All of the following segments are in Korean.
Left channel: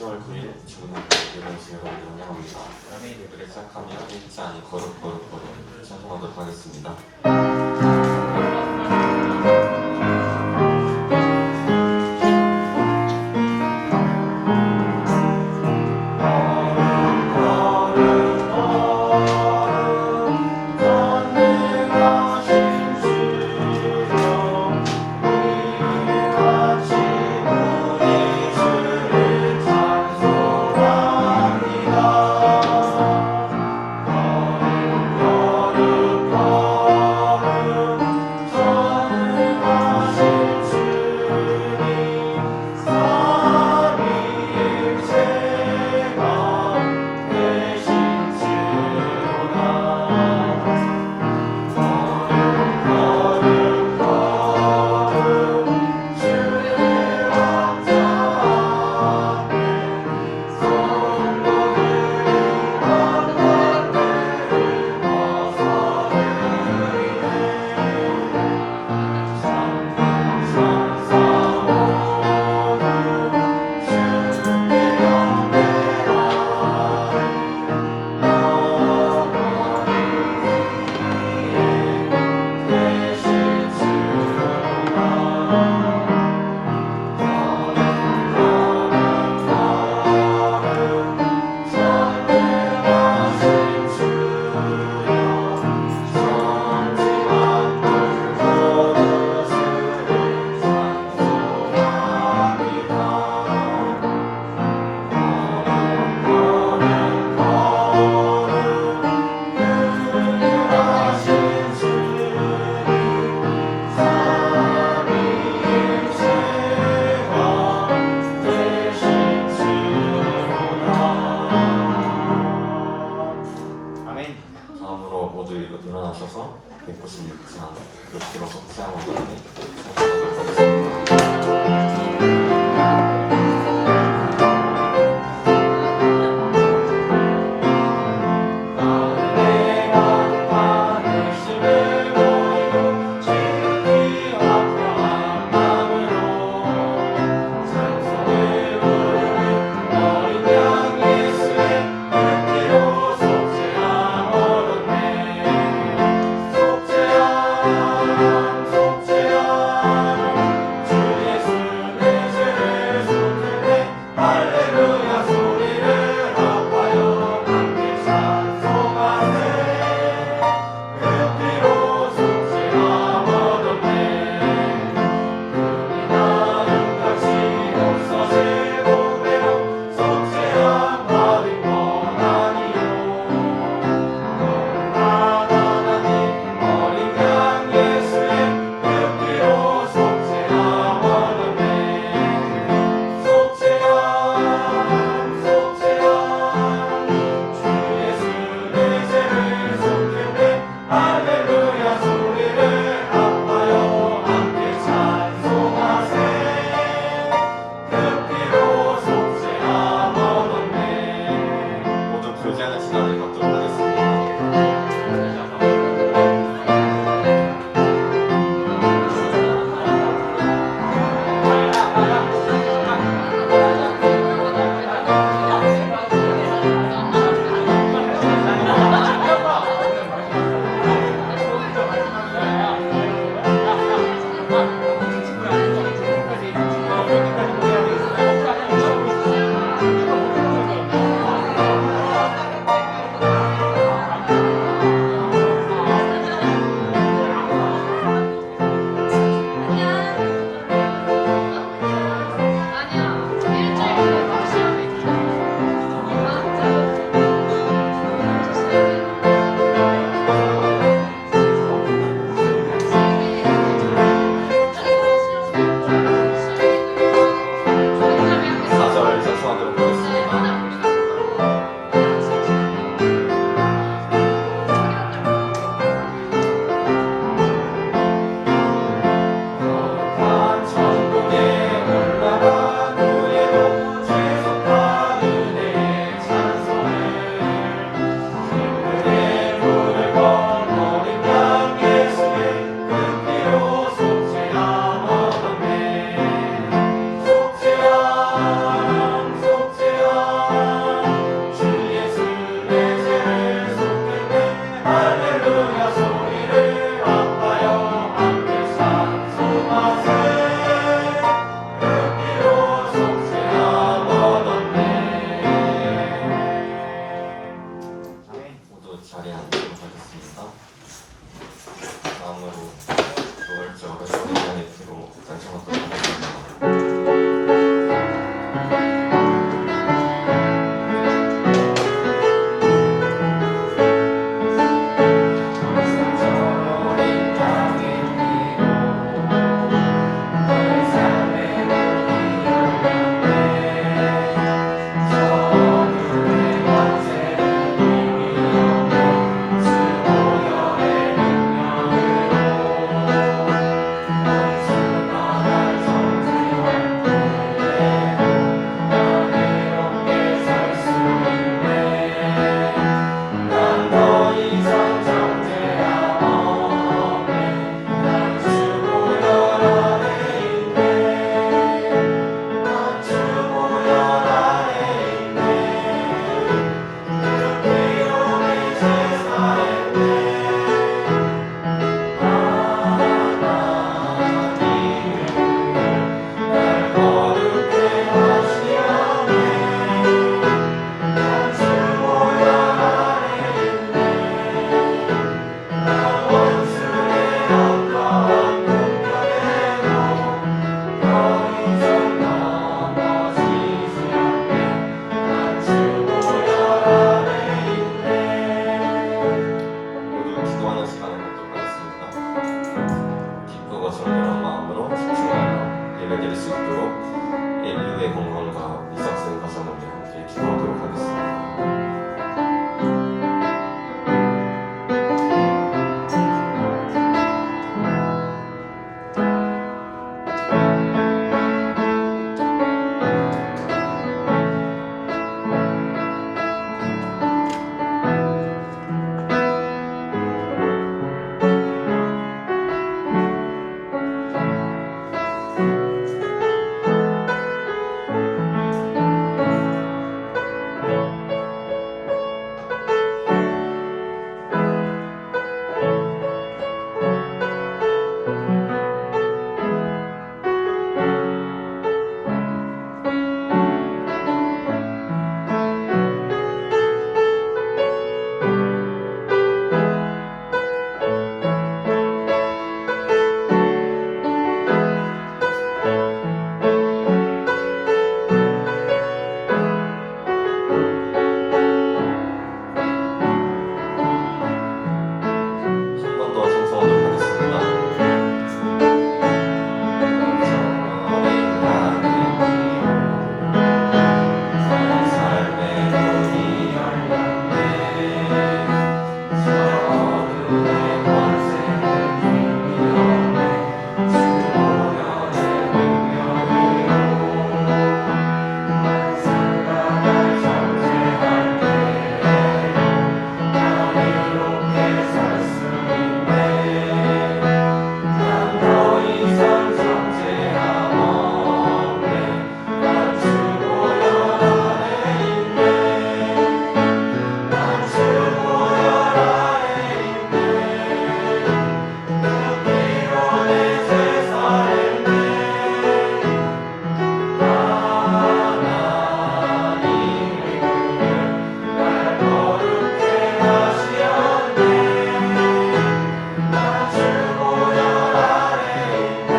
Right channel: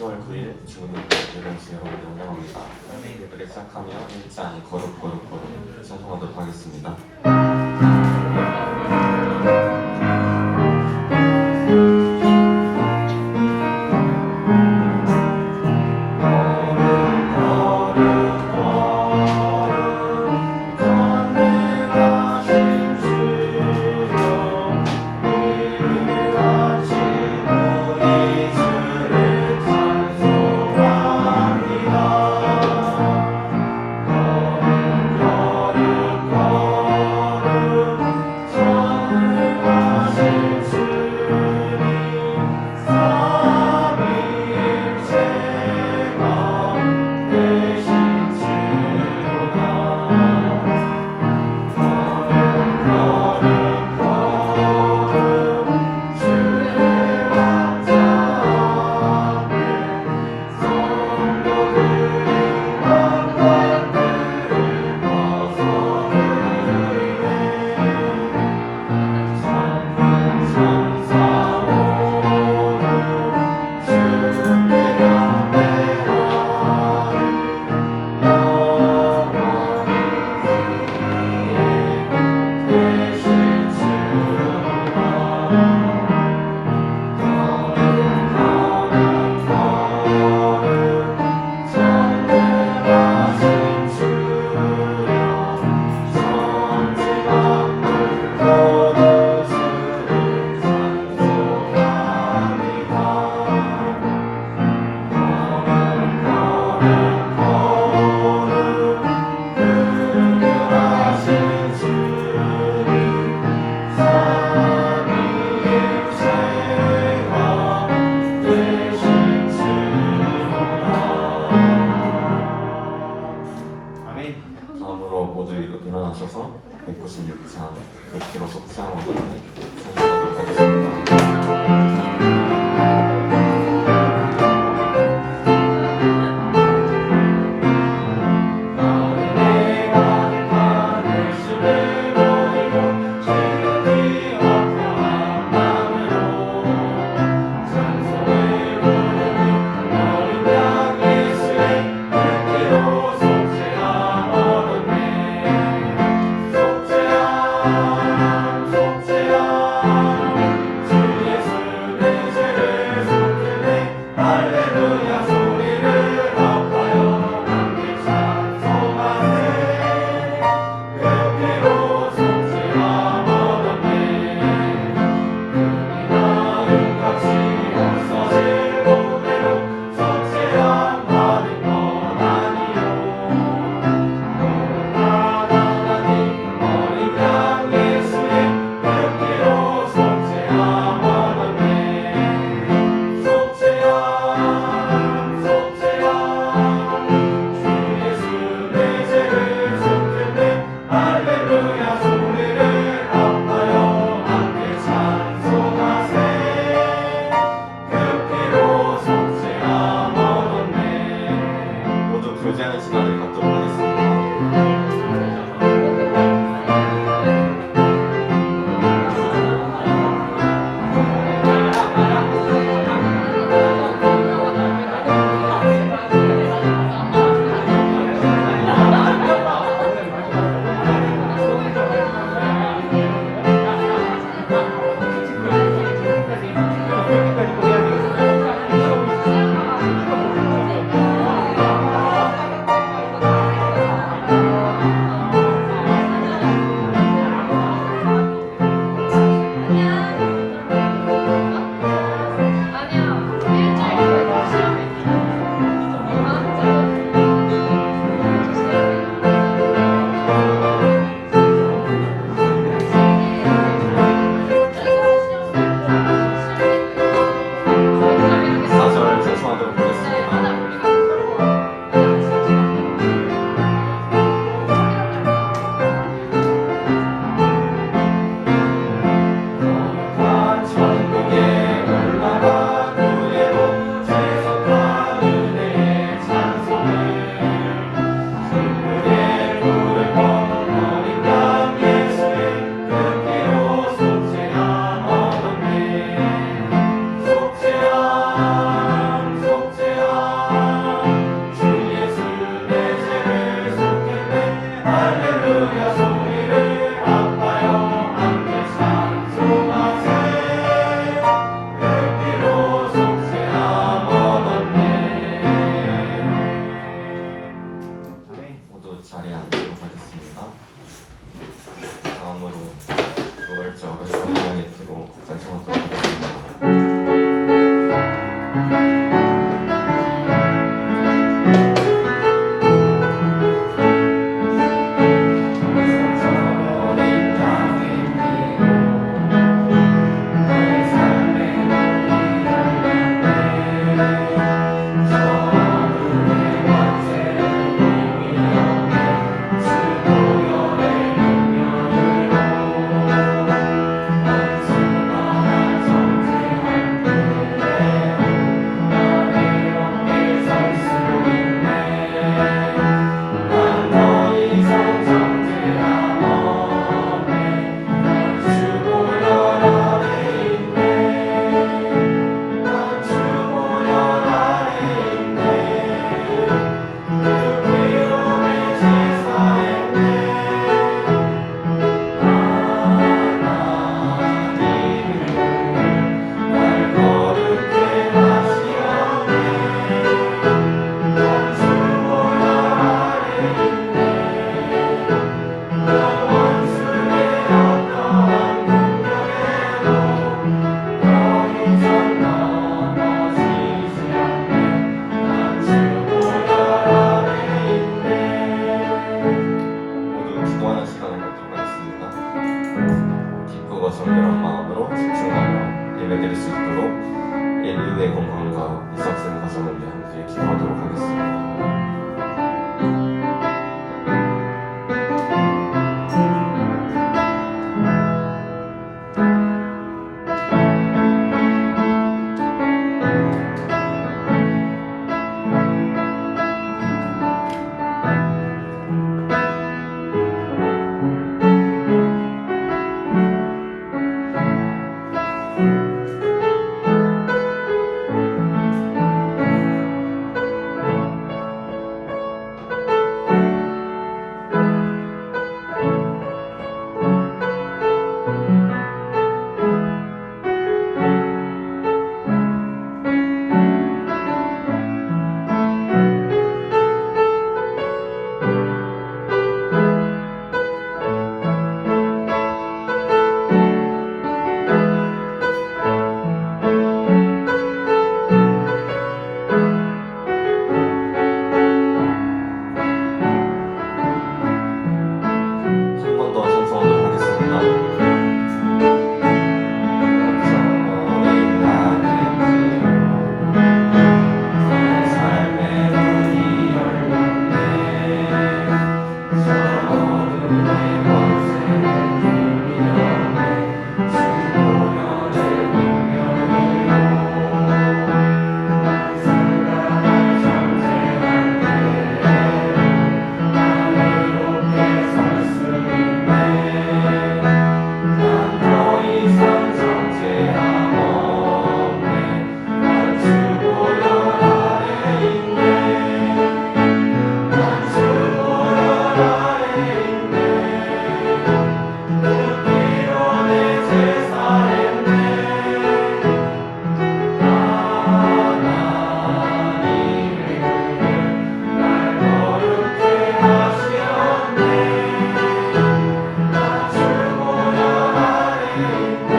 10월 9일 중국의 대단지 여러분을 환영합니다. 예쁘게 시작하며 일지 아닌 거룩 찬송하도록 하겠습니다. 다음으로 모두 일어나셔서 196장 몇키로 속상하고 찬송하도록 하겠습니다. 속죄야 모두 기도하는 시간을 갖도록 하겠습니다. 기쁘고 정결한 마음으로 집중하여 예배드릴 수 있도록 인류의 건강과 이삭생 가정을 위해 함께 기도하도록 하겠습니다. 한 번 더 청송하도록 하겠습니다. 삶의 문이 열렸네. 저들의 권세는 위험해. 주 보혈을 능력으로 만사가 날 정죄할 때에 난 이롭게 설 수 있네. 난 더 이상 정죄함 없네. 난 주 보혈 아래 있네. 난 주 보혈 아래 있네. 그 피로 내 죄 사했네. 하나님의 날 거룩해 하시었네. 난 주 보혈 아래 있네.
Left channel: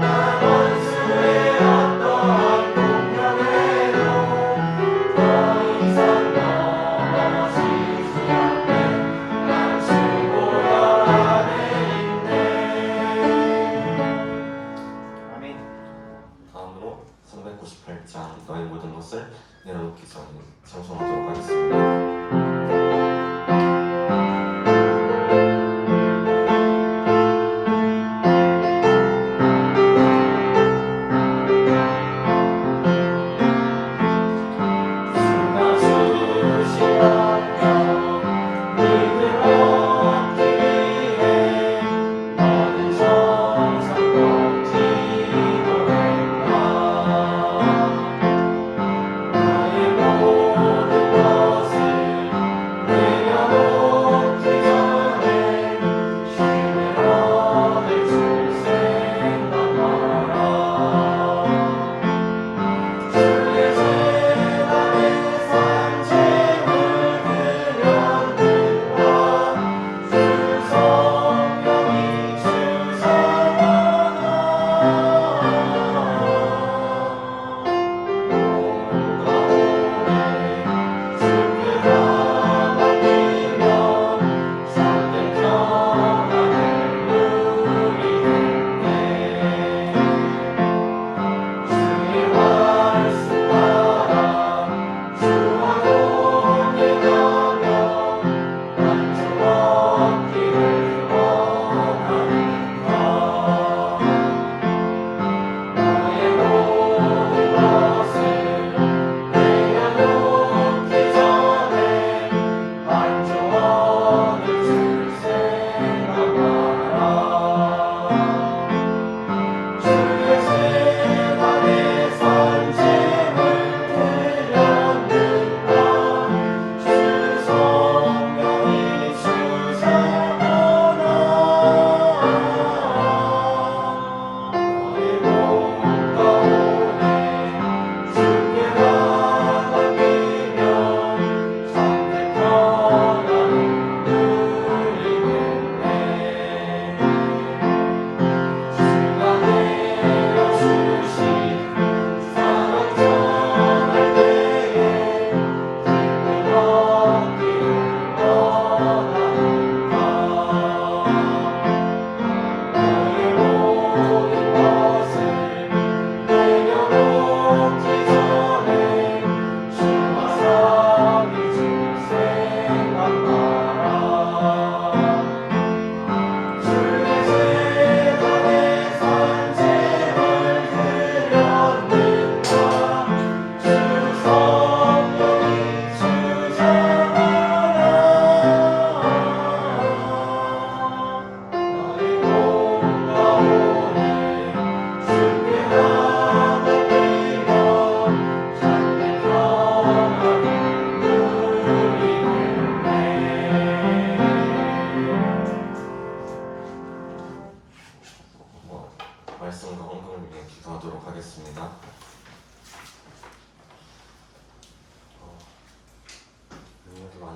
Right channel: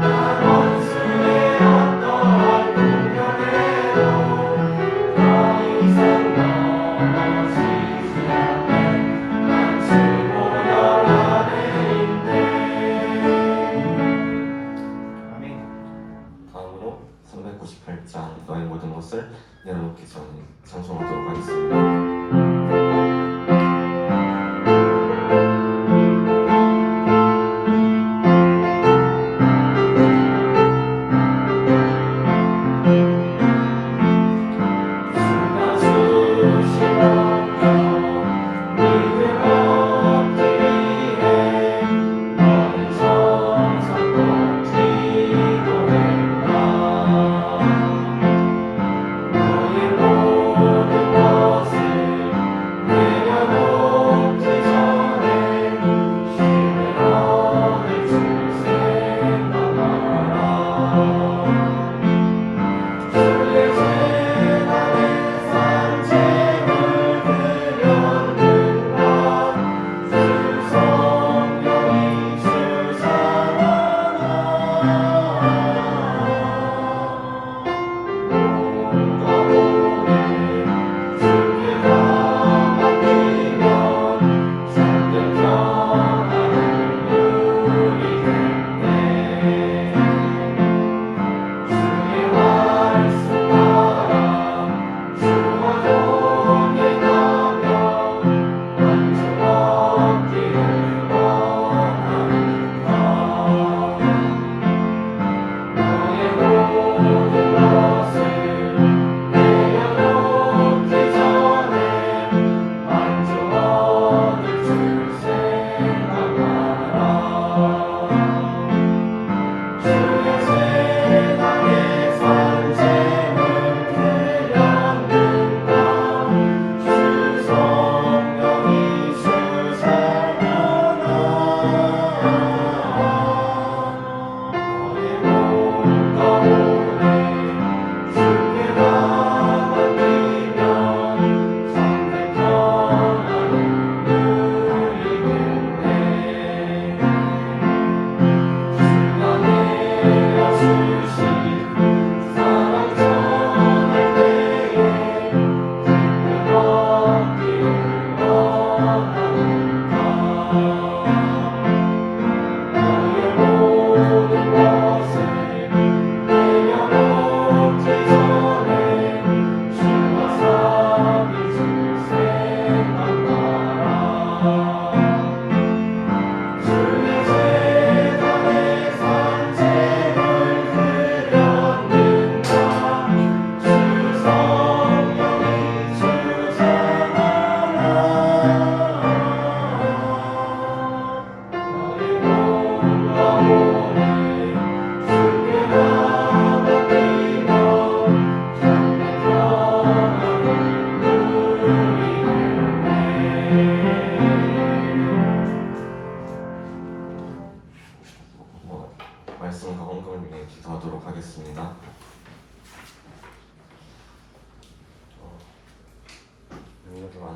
난 원수의 어떠한 공격에도 더 이상 넘어지지 않네. 난 주 보혈 아래 있네. 아멘. 다음으로 398장 너의 모든 것을 내려놓기 전에 청송하도록 하겠습니다. 주가 주신 능력 믿음 얻기 위해 너는 정성껏 기도했나. 너의 모든 것을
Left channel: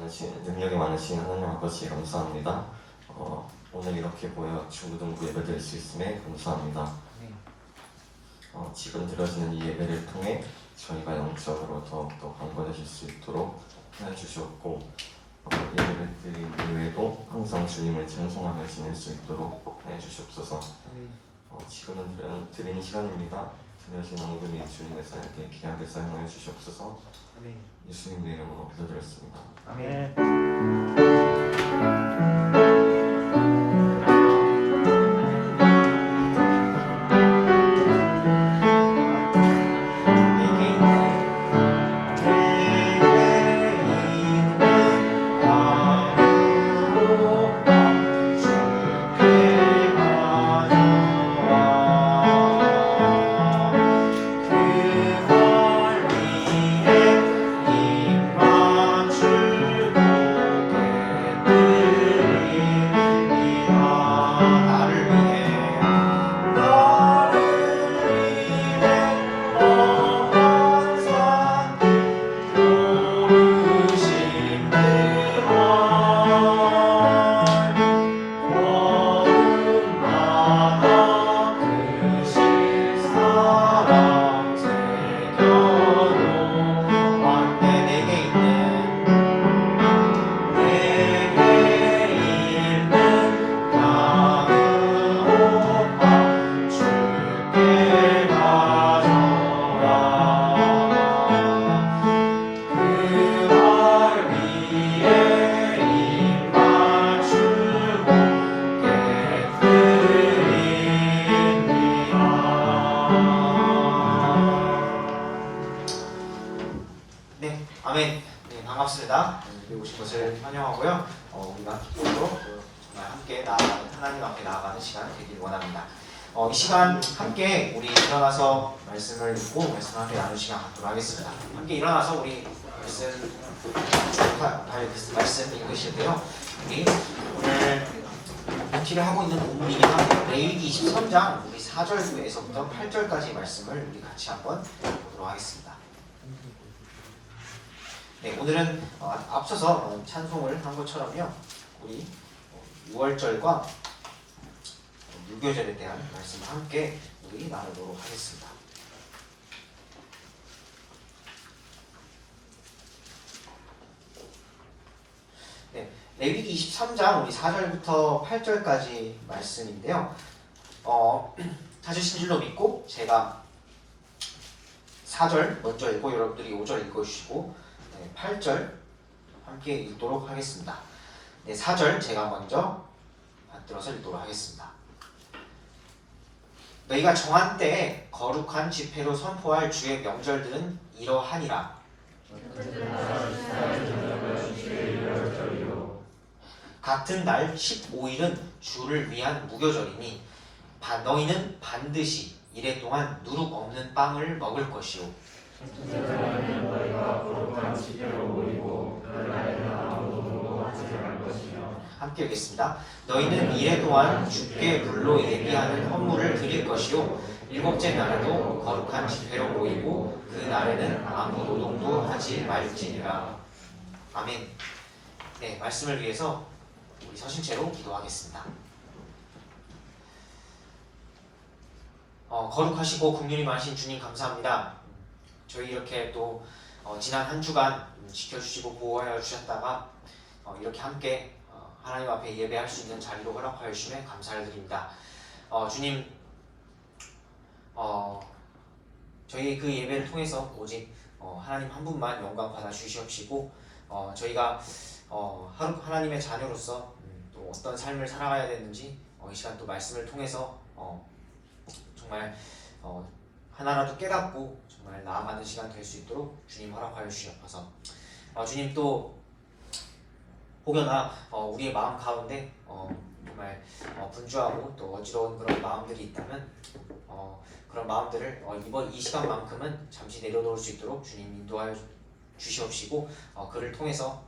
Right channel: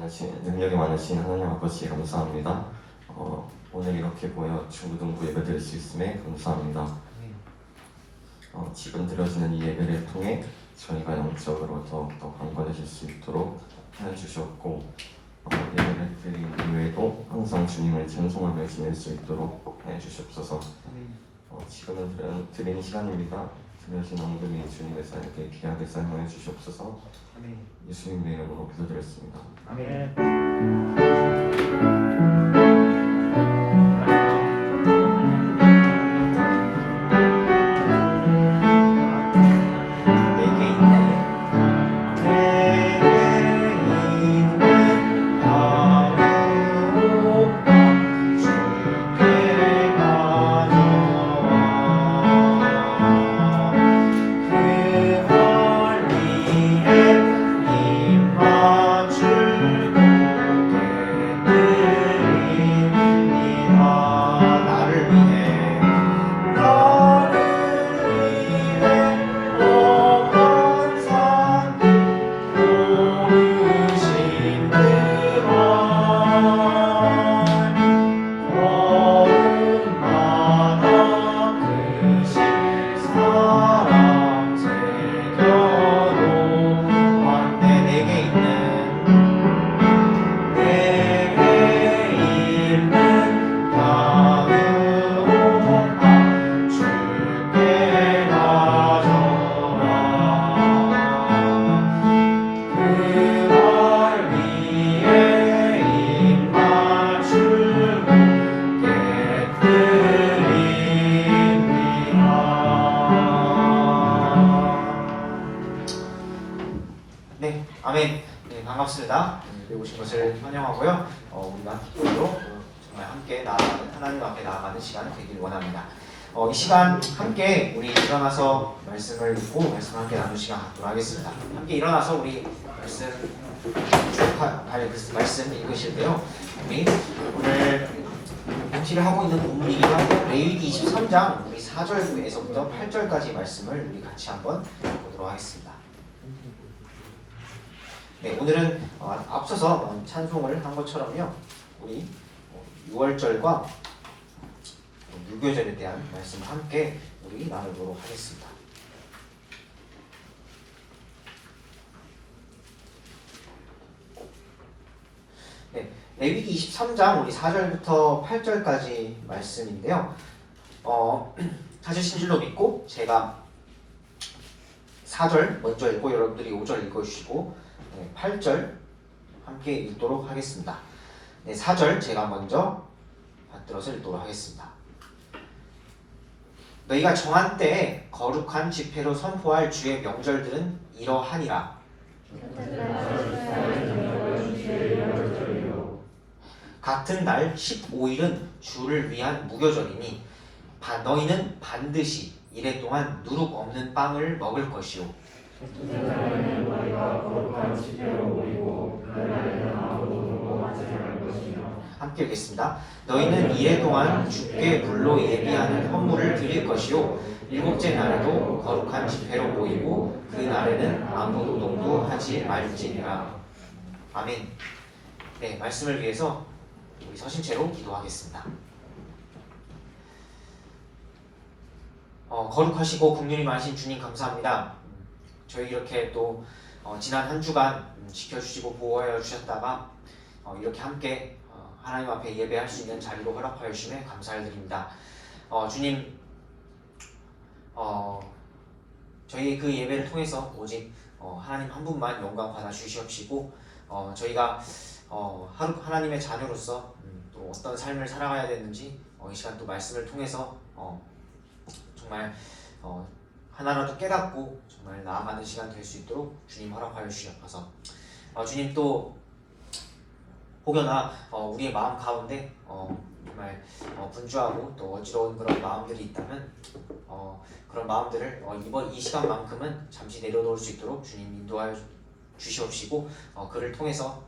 능력이 많으신 하나님 아버지 감사합니다. 오늘 이렇게 모여 중고등부 예배 드릴 수 있음에 감사합니다. 지금 드려지는 이 예배를 통해 저희가 영적으로 더욱더 강건해질 수 있도록 해주셨고 예배를 드린 이후에도 항상 주님을 찬송하며 지낼 수 있도록 해주시옵소서. 지금은 드리는 시간입니다. 드려진 헌금이 주님의 사역에 귀하게 사용하여 주시옵소서. 예수님의 이름으로 기도드렸습니다. 아멘. 아멘. 네, 반갑습니다. 오신 것을 환영하고요. 우리가 기도로 정말 함께 하나님 앞에 나아가는 시간 되길 원합니다. 이 시간 함께 우리 일어나서 말씀을 읽고 말씀을 함께 나누는 시간 갖도록 하겠습니다. 함께 일어나서 우리 말씀 읽으실게요. 우리 오늘 공지를 하고 있는 본문이기도 한데 레위기 23장 우리 4절에서부터 8절까지 말씀을 우리 같이 한번 보도록 하겠습니다. 네, 오늘은 앞서서 찬송을 한 것처럼요, 우리 6월절과 유교절에 대한 말씀을 함께 우리 나누도록 하겠습니다. 네, 레위기 23장 우리 4절부터 8절까지 말씀인데요. 찾으신 줄로 믿고 제가 4절 먼저 읽고 여러분들이 5절 읽어주시고 8절 함께 읽도록 하겠습니다. 네, 4절 제가 먼저 받들어서 읽도록 하겠습니다. 너희가 정한 때에 거룩한 집회로 선포할 주의 명절들은 이러하니라. 같은 날 15일은 주를 위한 무교절이니 너희는 반드시 이래 동안 누룩 없는 빵을 먹을 것이요 함께 읽겠습니다. 너희는 이래 동안 주께 불로 예비하는 헌물을 드릴 것이요 일곱째 날에도 거룩한 집회로 모이고 그 날에는 아무 노동도 하지 말지니라. 아멘. 네, 말씀을 위해서 우리 서신 채로 기도하겠습니다. 거룩하시고 긍휼이 많으신 주님 감사합니다. 저희 이렇게 또 지난 한 주간 지켜주시고 보호하여 주셨다가 이렇게 함께 하나님 앞에 예배할 수 있는 자리로 허락하여 주시면 감사를 드립니다. 주님, 저희 그 예배를 통해서 오직 하나님 한 분만 영광 받아 주시옵시고 저희가 하나님의 자녀로서 또 어떤 삶을 살아가야 되는지 이 시간 또 말씀을 통해서 정말 하나라도 깨닫고 정말 나아가는 시간 될 수 있도록 주님 허락하여 주시옵소서. 주님 또 혹여나 우리의 마음 가운데 정말 분주하고 또 어지러운 그런 마음들이 있다면 그런 마음들을 이번 이 시간만큼은 잠시 내려놓을 수 있도록 주님 인도하여 주시옵시고 그를 통해서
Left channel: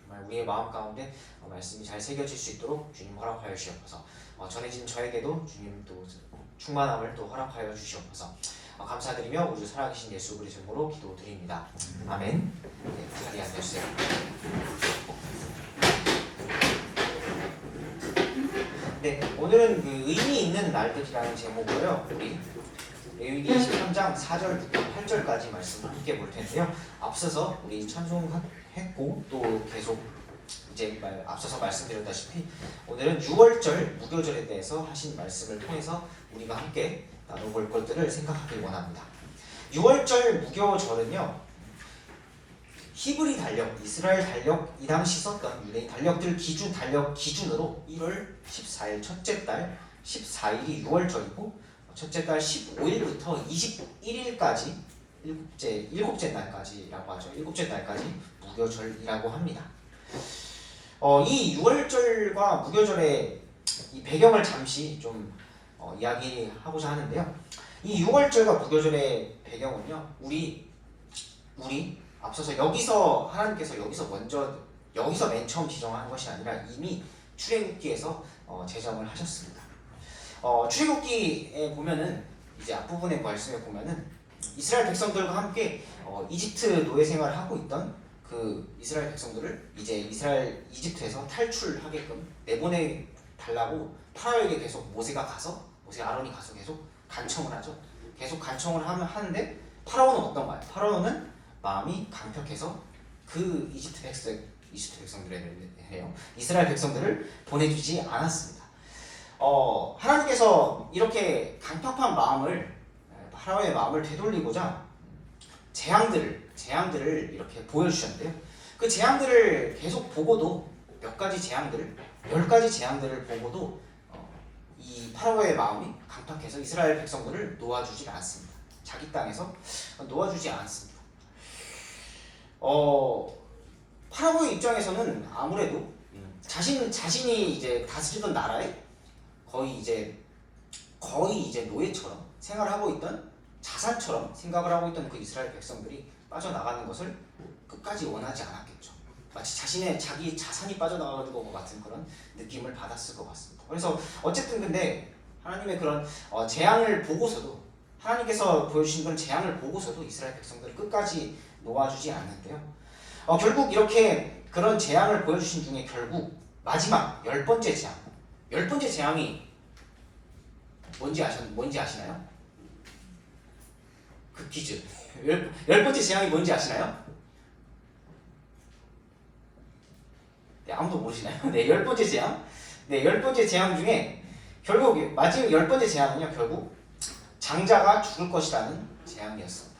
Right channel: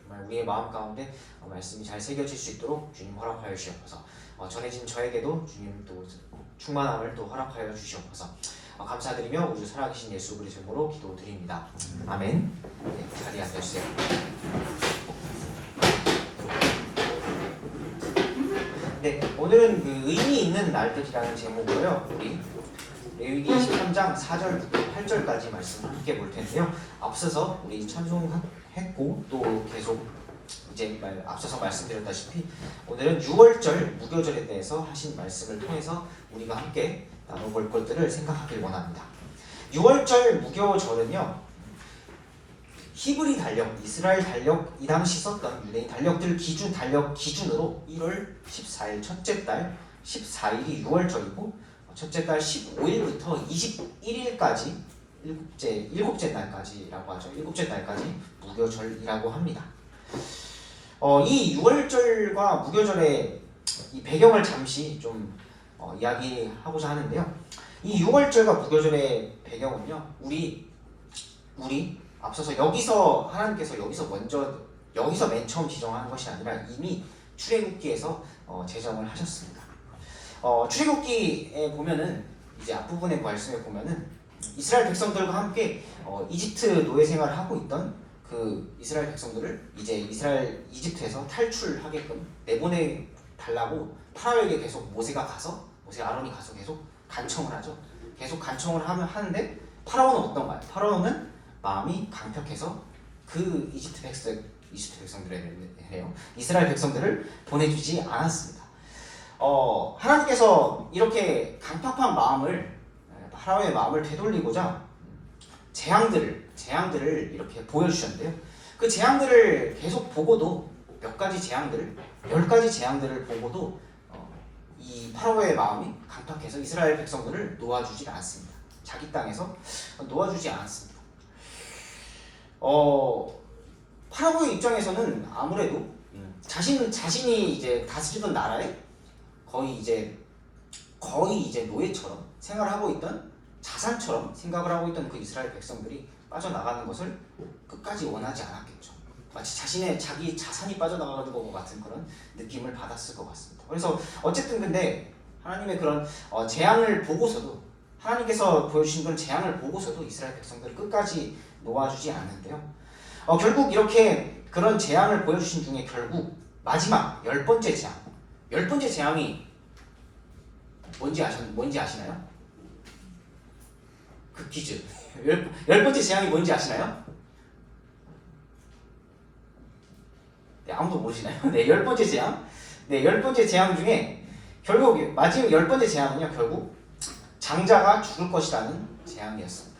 정말 우리의 마음 가운데 말씀이 잘 새겨질 수 있도록 주님 허락하여 주시옵소서. 전해진 저에게도 주님 또 충만함을 또 허락하여 주시옵소서. 감사드리며 우리 살아계신 예수 그리스도로 기도드립니다. 아멘. 네, 자리에 앉아주세요. 네, 오늘은 그 의미 있는 날들이라는 제목으로요. 우리 레위기 13장 4절부터 8절까지 말씀을 함께 볼 텐데요. 앞서서 우리 찬송했고 또 계속 이제 앞서서 말씀드렸다시피 오늘은 6월절 무교절에 대해서 하신 말씀을 통해서 우리가 함께 나눠볼 것들을 생각하길 원합니다. 6월절 무교절은요, 히브리 달력, 이스라엘 달력, 이 당시 썼던 유대인 달력들 달력 기준으로 1월 14일 첫째 달 14일이 6월절이고 첫째 달 15일부터 21일까지 일곱째 날까지라고 하죠. 일곱째 날까지 무교절이라고 합니다. 이 6월절과 무교절의 이 배경을 잠시 좀 이야기하고자 하는데요. 이 6월절과 무교절의 배경은요, 우리 앞서서 하나님께서 여기서 맨 처음 지정한 것이 아니라 이미 출애굽기에서 제정을 하셨습니다. 출애굽기에 보면은 이제 앞부분의 말씀에 보면은 이스라엘 백성들과 함께 이집트 노예 생활을 하고 있던 그 이스라엘 백성들을 이제 이집트에서 탈출하게끔 내보내 달라고 파라오에게 계속 아론이 가서 계속 간청을 하죠. 계속 간청을 하는데 파라오는 어떤가요? 파라오는 마음이 강력해서 그 이스라엘 백성들을 보내주지 않았습니다. 하나님께서 이렇게 강팍한 파라오의 마음을 되돌리고자 재앙들을 이렇게 보여주셨는데요. 그 재앙들을 계속 보고도 10가지 재앙들을 보고도 이 파라오의 마음이 강팍해서 이스라엘 백성들을 놓아주지 않았습니다. 자기 땅에서 놓아주지 않았습니다. 파라오의 입장에서는 아무래도 자신이 이제 다스리던 나라에 거의 이제 노예처럼 생활하고 있던 자산처럼 생각을 하고 있던 그 이스라엘 백성들이 빠져나가는 것을 끝까지 원하지 않았겠죠. 마치 자기 자산이 빠져나가는 것 같은 그런 느낌을 받았을 것 같습니다. 그래서 어쨌든 근데 하나님의 그런 재앙을 보고서도 하나님께서 보여주신 그런 재앙을 보고서도 이스라엘 백성들을 끝까지 놓아주지 않는데요. 결국 이렇게 그런 재앙을 보여주신 중에 결국 마지막 10번째 재앙이 뭔지 아시나요? 그 퀴즈. 10번째 재앙이 뭔지 아시나요? 네, 아무도 모르시나요? 네, 10번째 재앙. 네, 10번째 재앙 중에 결국 마지막 10번째 재앙은요, 결국 장자가 죽을 것이라는 재앙이었습니다.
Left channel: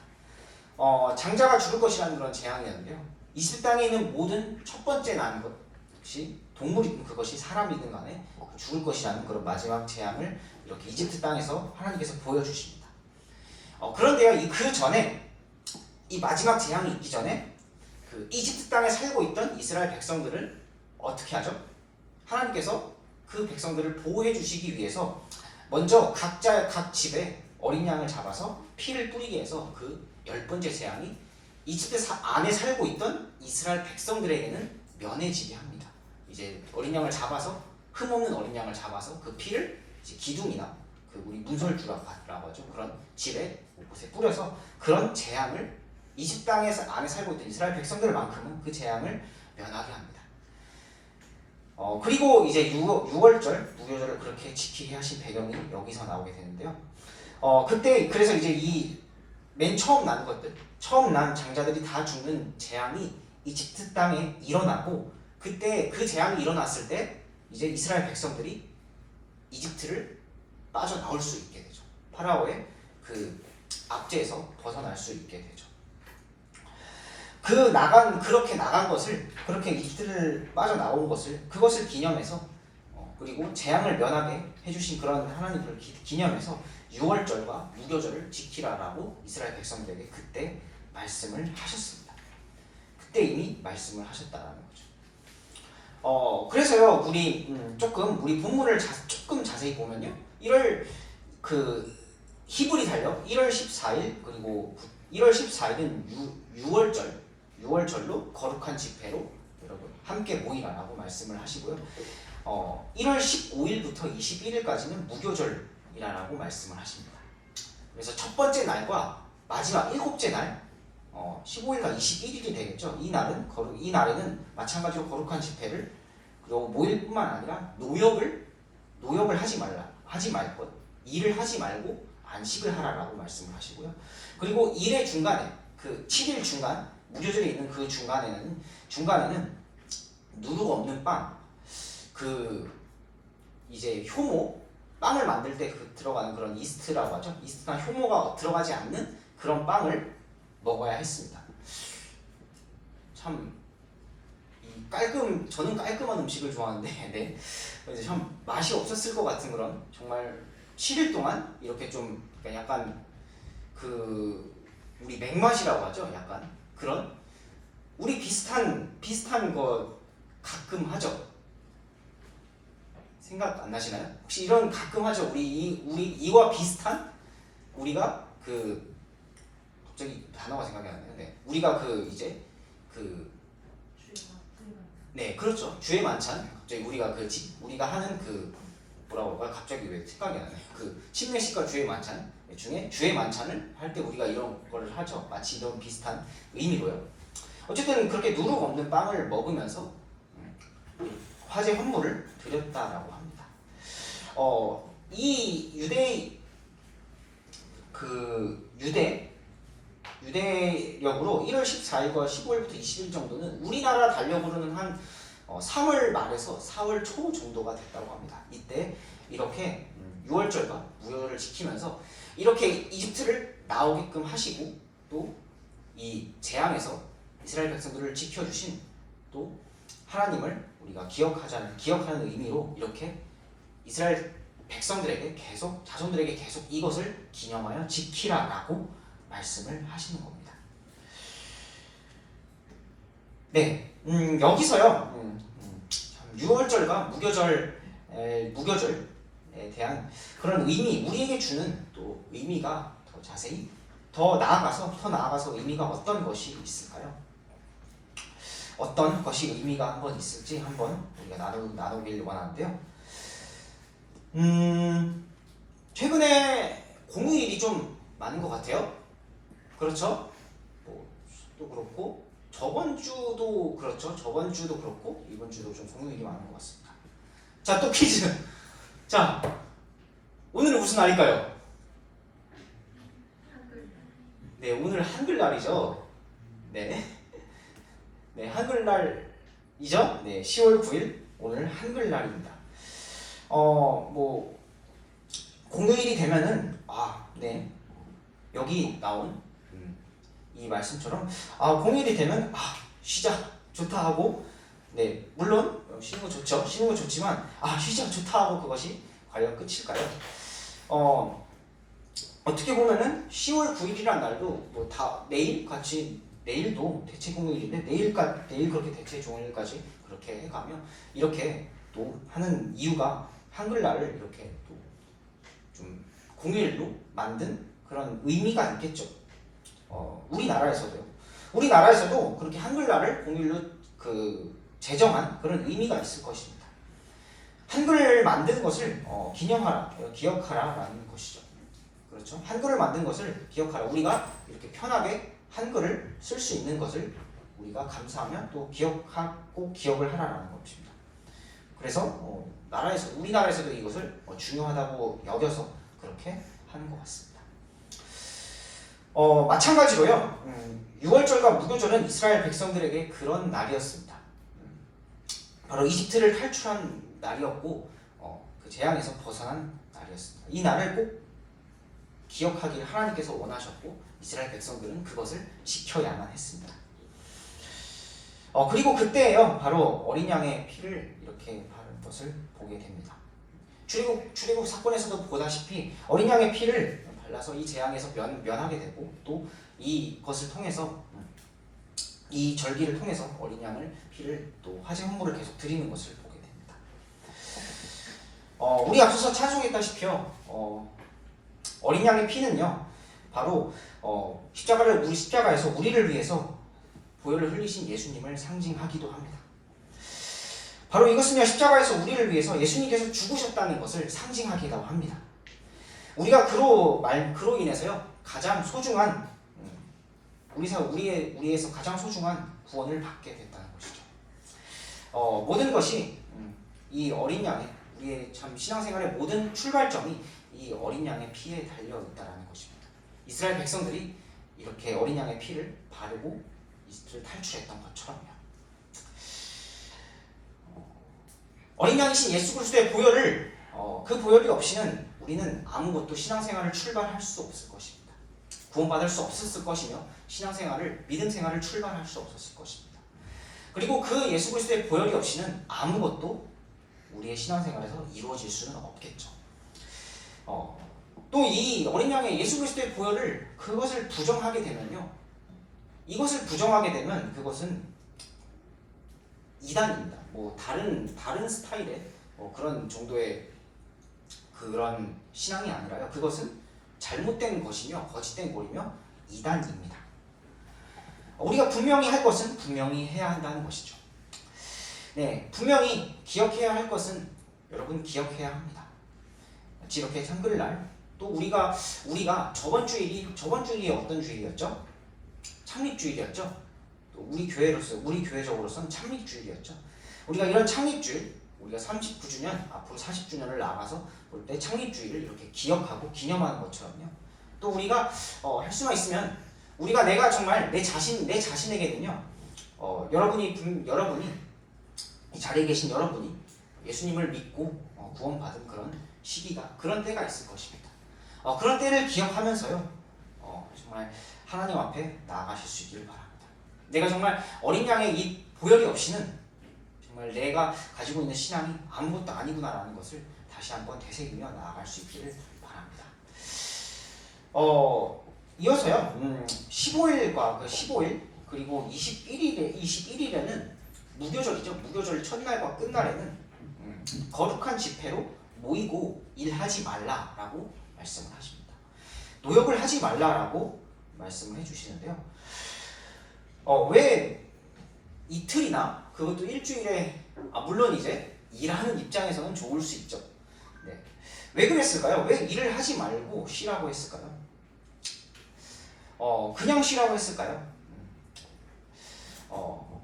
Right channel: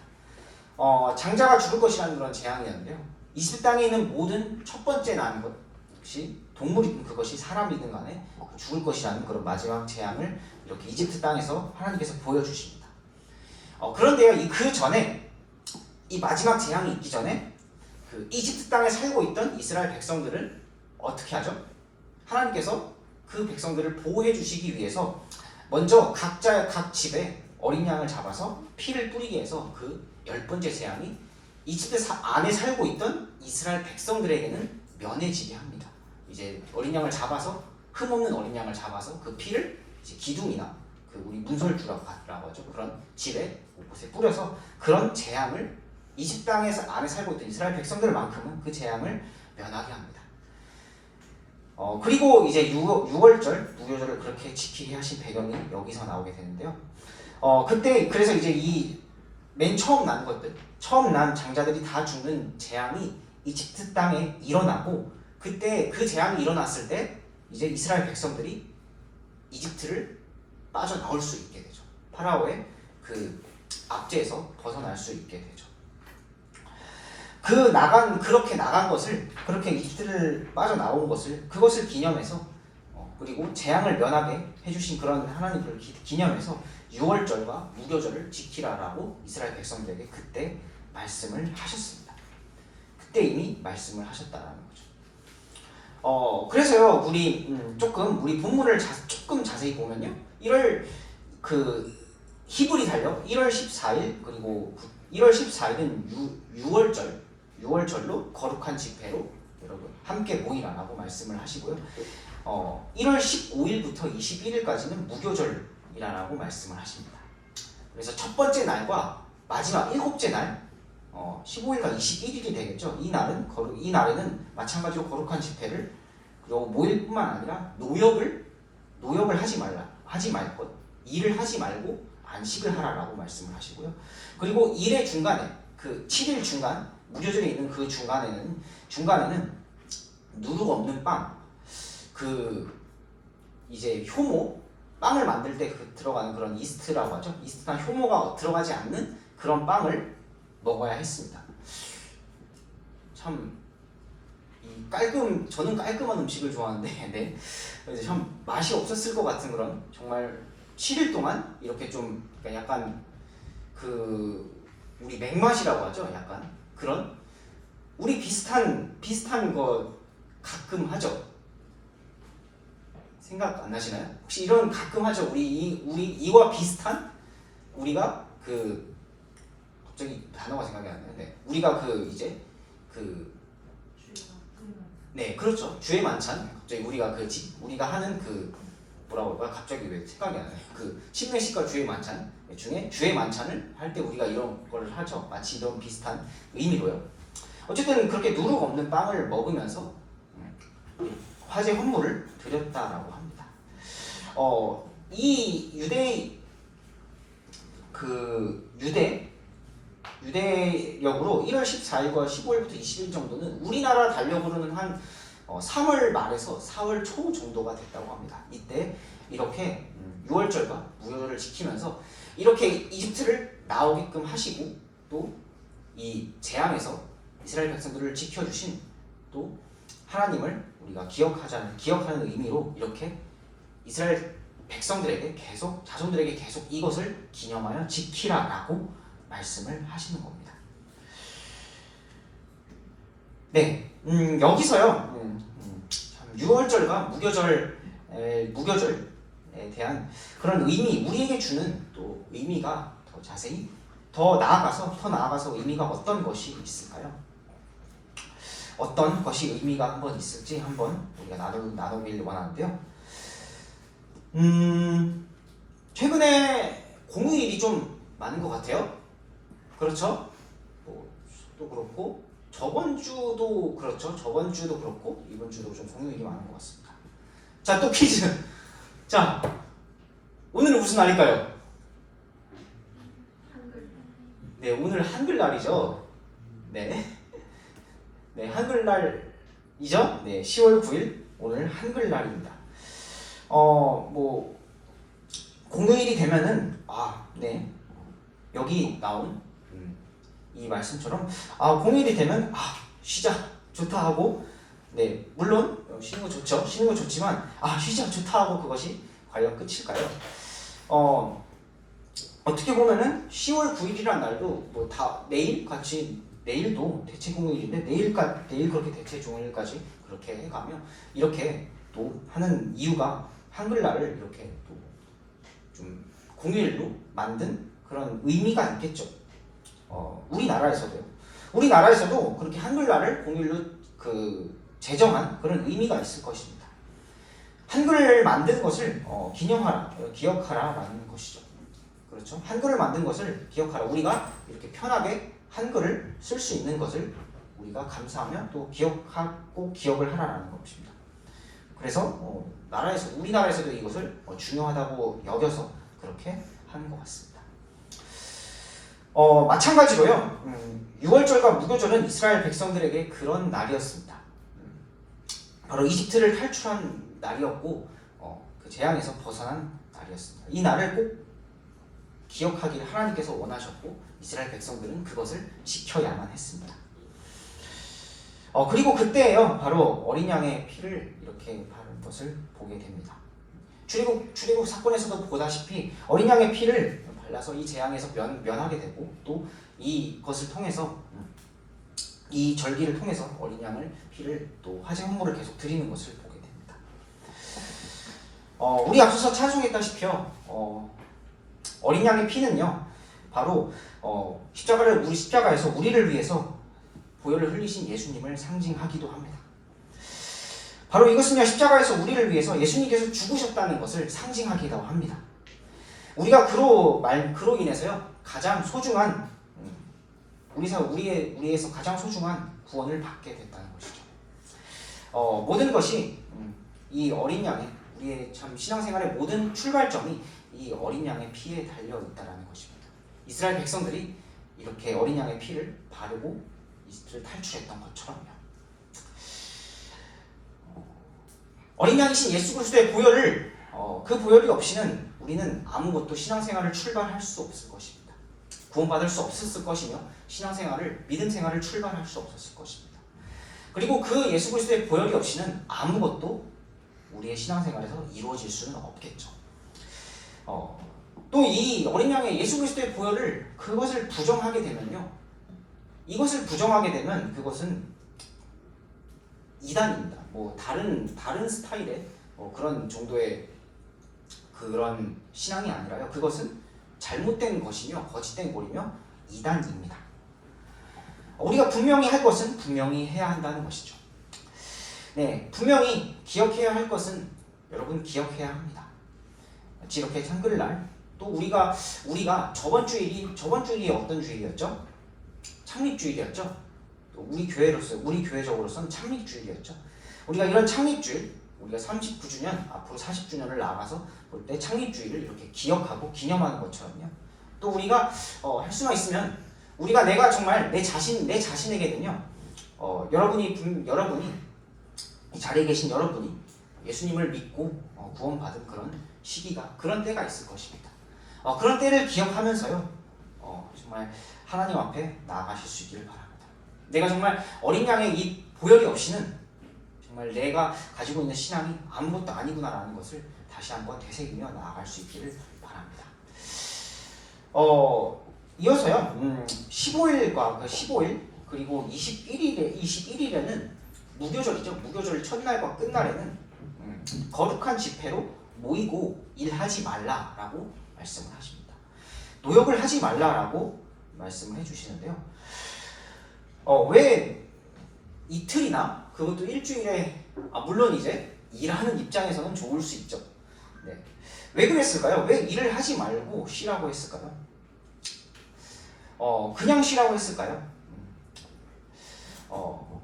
장자가 죽을 것이라는 그런 재앙이었는데요. 이집트 땅에 있는 모든 첫 번째 난 것이 동물이든 그것이 사람이든 간에 죽을 것이라는 그런 마지막 재앙을 이렇게 이집트 땅에서 하나님께서 보여주십니다. 그런데요, 그 전에 이 마지막 재앙이 있기 전에 그 이집트 땅에 살고 있던 이스라엘 백성들을 어떻게 하죠? 하나님께서 그 백성들을 보호해 주시기 위해서 먼저 각 집에 어린 양을 잡아서 피를 뿌리게 해서 그 10번째 재앙이 이집트 안에 살고 있던 이스라엘 백성들에게는 면해지게 합니다. 이제 어린 양을 잡아서 흠없는 어린 양을 잡아서 그 피를 이제 기둥이나 그 우리 문설주라고 하죠. 그런 집에 곳곳에 뿌려서 그런 재앙을 이집트 땅에서 안에 살고 있던 이스라엘 백성들만큼은 그 재앙을 면하게 합니다. 그리고 이제 6월절 무교절을 그렇게 지키게 하신 배경이 여기서 나오게 되는데요. 그때 그래서 이제 이 맨 처음 난 장자들이 다 죽는 재앙이 이집트 땅에 일어나고 그때 그 재앙이 일어났을 때 이제 이스라엘 백성들이 이집트를 빠져나올 수 있게 되죠. 파라오의 그 압제에서 벗어날 수 있게 되죠. 그렇게 이집트를 빠져나온 그것을 기념해서 그리고 재앙을 면하게 해주신 그런 하나님을 기념해서 6월절과 무교절을 지키라라고 이스라엘 백성들에게 그때 말씀을 하셨습니다. 그때 이미 말씀을 하셨다라는 거죠. 그래서요, 우리 본문을 조금 자세히 보면요, 히브리 달력 1월 14일 그리고 1월 14일은 6월절로 거룩한 집회로 여러분 함께 모이라라고 말씀을 하시고요. 1월 15일부터 21일까지는 무교절이라고 말씀을 하십니다. 그래서 첫 번째 날과 마지막 일곱째 날 15일과 21일이 되겠죠. 이 날에는 마찬가지로 거룩한 집회를 그리고 모일뿐만 아니라 노역을 노역을 하지 말 것, 일을 하지 말고 안식을 하라라고 말씀을 하시고요. 그리고 일의 중간에 그 7일 중간 무교절에 있는 그 중간에는 누룩 없는 빵, 그 이제 효모 빵을 만들 때 들어가는 그런 이스트라고 하죠. 이스트나 효모가 들어가지 않는 그런 빵을 먹어야 했습니다. 참 저는 깔끔한 음식을 좋아하는데 네. 그래서 참 맛이 없었을 것 같은 그런 정말 7일 동안 이렇게 좀 약간 그 우리 맥맛이라고 하죠. 약간 그런 우리 비슷한 거 가끔 하죠. 생각 안 나시나요? 혹시 이런 가끔 하죠. 우리 이와 비슷한 우리가 그 갑자기 단어가 생각이 안 나는데 우리가 그 이제 네 그렇죠. 주의 만찬 갑자기 우리가 하는 그 뭐라고 할까요? 갑자기 왜 생각이 안 나요? 그 침례식과 주의 만찬 중에 주의 만찬을 할 때 우리가 이런 거를 하죠. 마치 이런 비슷한 의미로요. 어쨌든 그렇게 누룩 없는 빵을 먹으면서 화제 헌물을 드렸다라고 합니다. 이 유대력으로 1월 14일과 15일부터 20일 정도는 우리나라 달력으로는 한 3월 말에서 4월 초 정도가 됐다고 합니다. 이때 이렇게 6월절과 무교절을 지키면서 이렇게 이집트를 나오게끔 하시고 또 이 재앙에서 이스라엘 백성들을 지켜주신 또 하나님을 우리가 기억하는 의미로 이렇게 이스라엘 백성들에게 자손들에게 계속 이것을 기념하여 지키라라고 말씀을 하시는 겁니다. 네, 여기서요 6월절과 무교절에 대한 그런 의미, 우리에게 주는 또 의미가 더 자세히 더 나아가서 의미가 어떤 것이 있을까요? 어떤 것이 의미가 한번 있을지 한번 우리가 나누길 원하는데요. 최근에 공휴일이 좀 많은 것 같아요. 그렇죠? 또 그렇고 저번 주도 그렇고 이번 주도 좀 공휴일이 많은 것 같습니다. 자, 또 퀴즈. 자, 오늘은 무슨 날일까요? 네, 오늘 한글날이죠. 네, 한글날이죠. 네, 10월 9일 오늘 한글날입니다. 공휴일이 되면은 여기 나온 이 말씀처럼 공휴일이 되면 쉬자 좋다 하고 네 물론 쉬는 거 좋지만 쉬자 좋다 하고 그것이 과연 끝일까요? 어떻게 보면은 10월 9일이란 날도 내일도 대체 공휴일인데 내일 그렇게 대체 종일까지 그렇게 해가며 이렇게 또 하는 이유가 한글날을 이렇게 또 좀 공휴일로 만든 그런 의미가 있겠죠. 우리나라에서도 그렇게 한글날을 공휴일로 제정한 그런 의미가 있을 것입니다. 한글을 만든 것을 기억하라라는 것이죠. 그렇죠? 한글을 만든 것을 기억하라. 우리가 이렇게 편하게 한글을 쓸 수 있는 것을 우리가 감사하며 또 기억을 하라라는 것입니다. 그래서 우리나라에서도 이것을 중요하다고 여겨서 그렇게 하는 것 같습니다. 마찬가지로요. 6월절과 무교절은 이스라엘 백성들에게 그런 날이었습니다. 바로 이집트를 탈출한 날이었고 그 재앙에서 벗어난 날이었습니다. 이 날을 꼭 기억하기를 하나님께서 원하셨고 이스라엘 백성들은 그것을 지켜야만 했습니다. 그리고 그때에요 바로 어린 양의 피를 이렇게 바른 것을 보게 됩니다. 출애굽 사건에서도 보다시피 어린 양의 피를 발라서 이 재앙에서 면하게 되고 또 이것을 통해서 이 절기를 통해서 어린 양을 피를 또 화제 헌물을 계속 드리는 것을 보게 됩니다. 우리 앞서서 찬송했다시피요 어린 양의 피는요 바로 우리 십자가에서 우리를 위해서 보혈을 흘리신 예수님을 상징하기도 합니다. 바로 이것은요 십자가에서 우리를 위해서 예수님께서 죽으셨다는 것을 상징하기도 합니다. 우리가 그로 인해서요 가장 소중한 우리에서 가장 소중한 구원을 받게 됐다는 것이죠. 모든 것이 이 어린 양의 우리의 참 신앙생활의 모든 출발점이 이 어린 양의 피에 달려 있다라는 것입니다. 이스라엘 백성들이 이렇게 어린 양의 피를 바르고 이스라엘을 탈출했던 것처럼요. 어린 양이신 예수 그리스도의 보혈을 그 보혈이 없이는 우리는 아무것도 신앙생활을 출발할 수 없을 것입니다. 구원받을 수 없었을 것이며 신앙생활을 믿음 생활을 출발할 수 없었을 것입니다. 그리고 그 예수 그리스도의 보혈이 없이는 아무것도 우리의 신앙생활에서 이루어질 수는 없겠죠. 또 이 어린 양의 예수 그리스도의 보혈을 그것을 부정하게 되면요, 이것을 부정하게 되면 그것은 이단입니다. 뭐 다른 스타일의 그런 정도의 그런 신앙이 아니라요, 그것은 잘못된 것이며 거짓된 꼴이며 이단입니다. 우리가 분명히 할 것은 분명히 해야 한다는 것이죠. 네, 분명히 기억해야 할 것은 여러분 기억해야 합니다. 이렇게 한글날 또 우리가 저번 주일이 어떤 주일이었죠? 창립주일이었죠. 또 우리 교회적으로서는 창립주일이었죠. 우리가 이런 창립주일, 우리가 39주년, 앞으로 40주년을 나아가서 볼 때 창립주일을 이렇게 기억하고 기념하는 것처럼요. 또 우리가 할 수만 있으면 내가 정말 내 자신에게는요, 여러분이 이 자리에 계신 여러분이 예수님을 믿고 구원받은 그런 때가 있을 것입니다. 그런 때를 기억하면서요, 정말 하나님 앞에 나아가실 수 있기를 바랍니다. 내가 정말 어린 양의 이 보혈이 없이는 정말 내가 가지고 있는 신앙이 아무것도 아니구나라는 것을 다시 한번 되새기며 나아갈 수 있기를 바랍니다. 이어서요, 15일 그리고 21일에는 무교절이죠. 무교절 첫날과 끝날에는 거룩한 집회로 모이고 일하지 말라라고 말씀을 하십니다. 노역을 하지 말라라고 말씀을 해주시는데요. 왜 이틀이나 그것도 일주일에 물론 이제 일하는 입장에서는 좋을 수 있죠. 네. 왜 그랬을까요? 왜 일을 하지 말고 쉬라고 했을까요? 그냥 쉬라고 했을까요?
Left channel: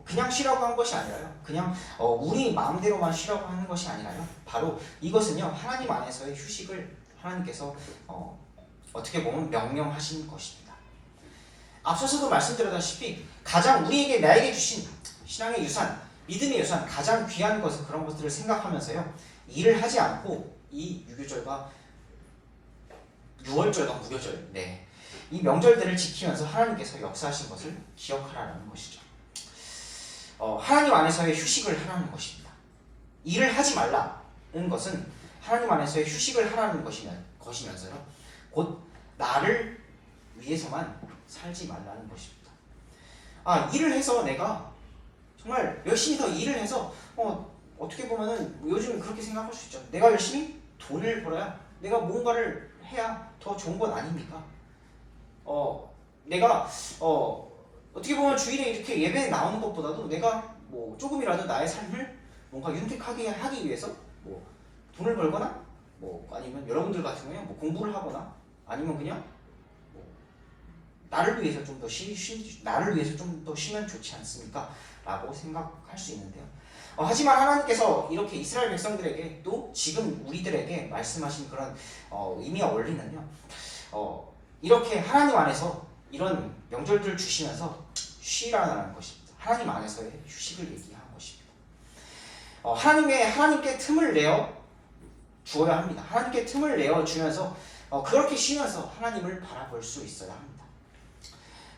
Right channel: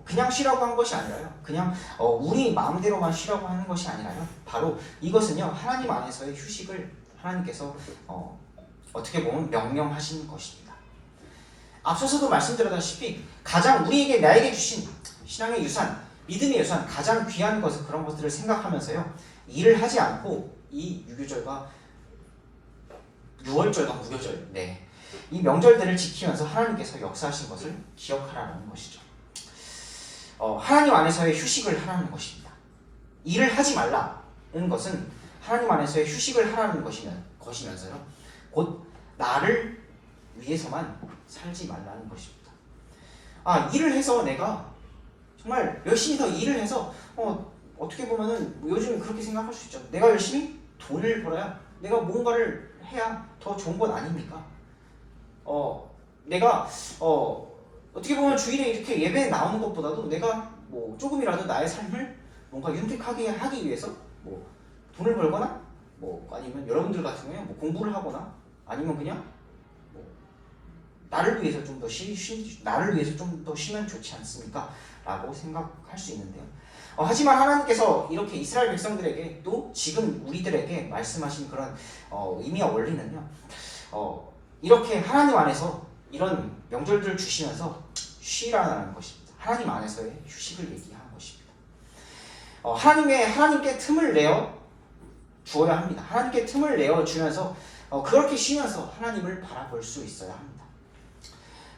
그냥 쉬라고 한 것이 아니라요. 그냥 우리 마음대로만 쉬라고 하는 것이 아니라요. 바로 이것은요, 하나님 안에서의 휴식을 하나님께서 어떻게 보면 명령하신 것입니다. 앞서서도 말씀드렸다시피 가장 나에게 주신 신앙의 유산, 믿음의 유산, 가장 귀한 것은 그런 것들을 생각하면서요, 일을 하지 않고 이 유교절과 유월절과 무교절, 이 명절들을 지키면서 하나님께서 역사하신 것을 기억하라는 것이죠. 하나님 안에서의 휴식을 하라는 것입니다. 일을 하지 말라는 것은 하나님 안에서의 휴식을 하라는 것이면서요, 곧 나를 위해서만 살지 말라는 것입니다. 일을 해서 내가 정말 열심히 더 일을 해서 어떻게 보면은 요즘 그렇게 생각할 수 있죠. 내가 열심히 돈을 벌어야, 내가 뭔가를 해야 더 좋은 것 아닙니까? 내가 어떻게 보면 주일에 이렇게 예배에 나오는 것보다도 내가 뭐 조금이라도 나의 삶을 뭔가 윤택하게 하기 위해서 뭐 돈을 벌거나 뭐 아니면 여러분들 같은 경우에 뭐 공부를 하거나 아니면 그냥 뭐 나를 위해서 좀 더 쉬면 좋지 않습니까? 라고 생각할 수 있는데요. 하지만 하나님께서 이렇게 이스라엘 백성들에게 또 지금 우리들에게 말씀하신 그런 의미와 원리는요, 이렇게 하나님 안에서 이런 명절들을 주시면서 쉬라는 것입니다. 하나님 안에서의 휴식을 얘기하는 것입니다. 하나님께 틈을 내어 주어야 합니다. 하나님께 틈을 내어 주면서 그렇게 쉬면서 하나님을 바라볼 수 있어야 합니다.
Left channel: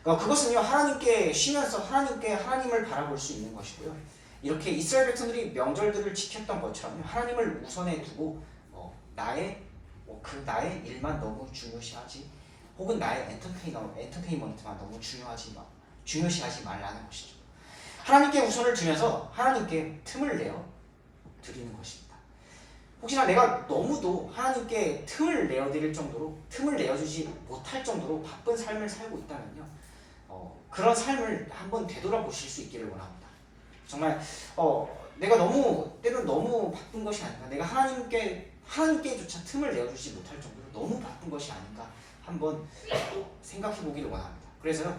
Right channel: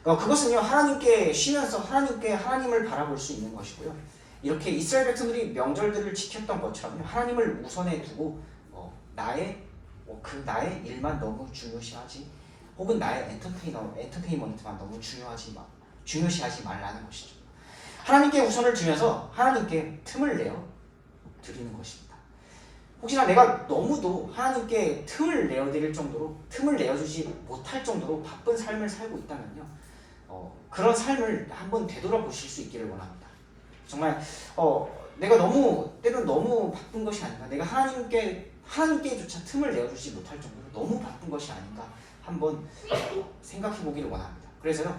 그것은요, 하나님께 쉬면서 하나님을 바라볼 수 있는 것이고요. 이렇게 이스라엘 백성들이 명절들을 지켰던 것처럼 하나님을 우선에 두고 나의 일만 너무 중요시하지, 혹은 나의 엔터테인먼트만 너무 중요시하지 말라는 것이죠. 하나님께 우선을 두면서 하나님께 틈을 내어 드리는 것입니다. 혹시나 내가 너무도 하나님께 틈을 내어주지 못할 정도로 바쁜 삶을 살고 있다면요, 그런 삶을 한번 되돌아보실 수 있기를 원합니다. 정말 내가 때로는 너무 바쁜 것이 아닌가, 내가 하나님께조차 틈을 내어주지 못할 정도로 너무 바쁜 것이 아닌가 한번 생각해 보기를 원합니다. 그래서요,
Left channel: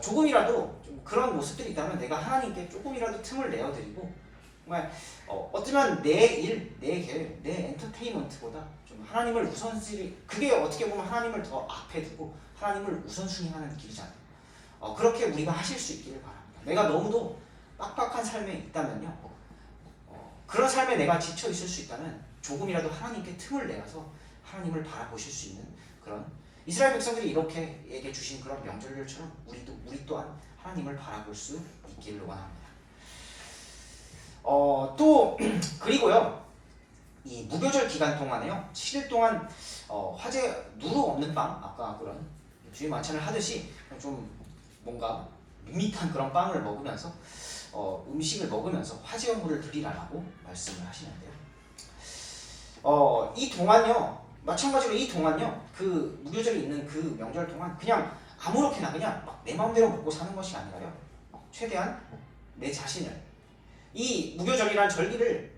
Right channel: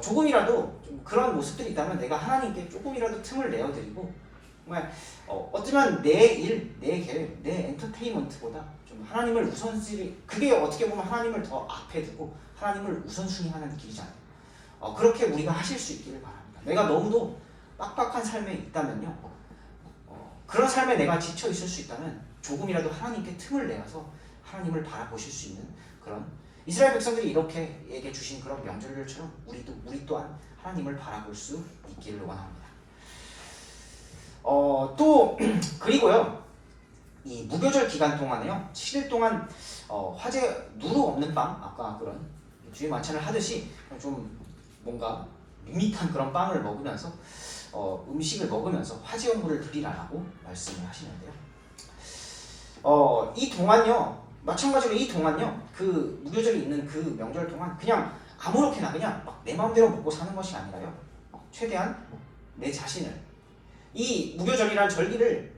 조금이라도 좀 그런 모습들이 있다면 내가 하나님께 조금이라도 틈을 내어드리고 정말 어쩌면 내 일, 내 계획, 내 엔터테인먼트보다 좀 하나님을 우선순위, 그게 어떻게 보면 하나님을 더 앞에 두고 하나님을 우선순위하는 길이잖아요. 그렇게 우리가 하실 수 있기를 바랍니다. 내가 너무도 빡빡한 삶에 있다면요, 그런 삶에 내가 지쳐 있을 수 있다면 조금이라도 하나님께 틈을 내서 하나님을 바라보실 수 있는 그런, 이스라엘 백성들이 이렇게 얘기해 주신 그런 명절들처럼 우리 또한 하나님을 바라볼 수 있기를 원합니다. 또 그리고요, 이 무교절 기간 동안에요, 7일 동안 화제 누룩 없는 빵, 아까 그런 주일 만찬을 하듯이 좀 뭔가 밋밋한 그런 빵을 먹으면서 음식을 먹으면서 화제 연물을 드리라라고 말씀을 하시는데요. 이 동안요, 마찬가지로 이 동안요, 그 무교절이 있는 그 명절 동안 그냥 아무렇게나 그냥 막 내 마음대로 먹고 사는 것이 아니라요, 최대한 내 자신을, 이 무교절이란 절기를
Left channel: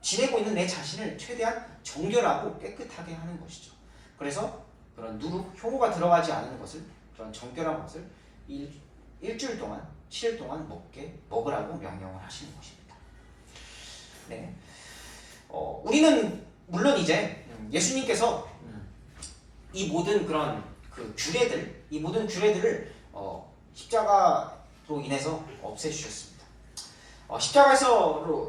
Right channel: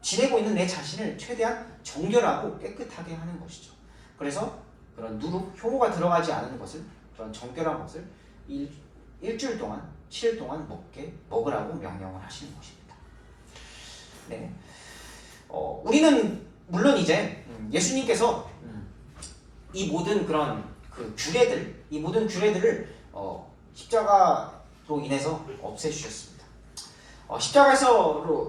지내고 있는 내 자신을 최대한 정결하고 깨끗하게 하는 것이죠. 그래서 그런 누룩, 효모가 들어가지 않은 것을, 그런 정결한 것을 일주일 동안, 7일 동안 먹으라고 명령을 하시는 것입니다. 네, 우리는 물론 이제 예수님께서 이 모든 그런 그 규례들, 이 모든 규례들을 십자가로 인해서 없애주셨습니다.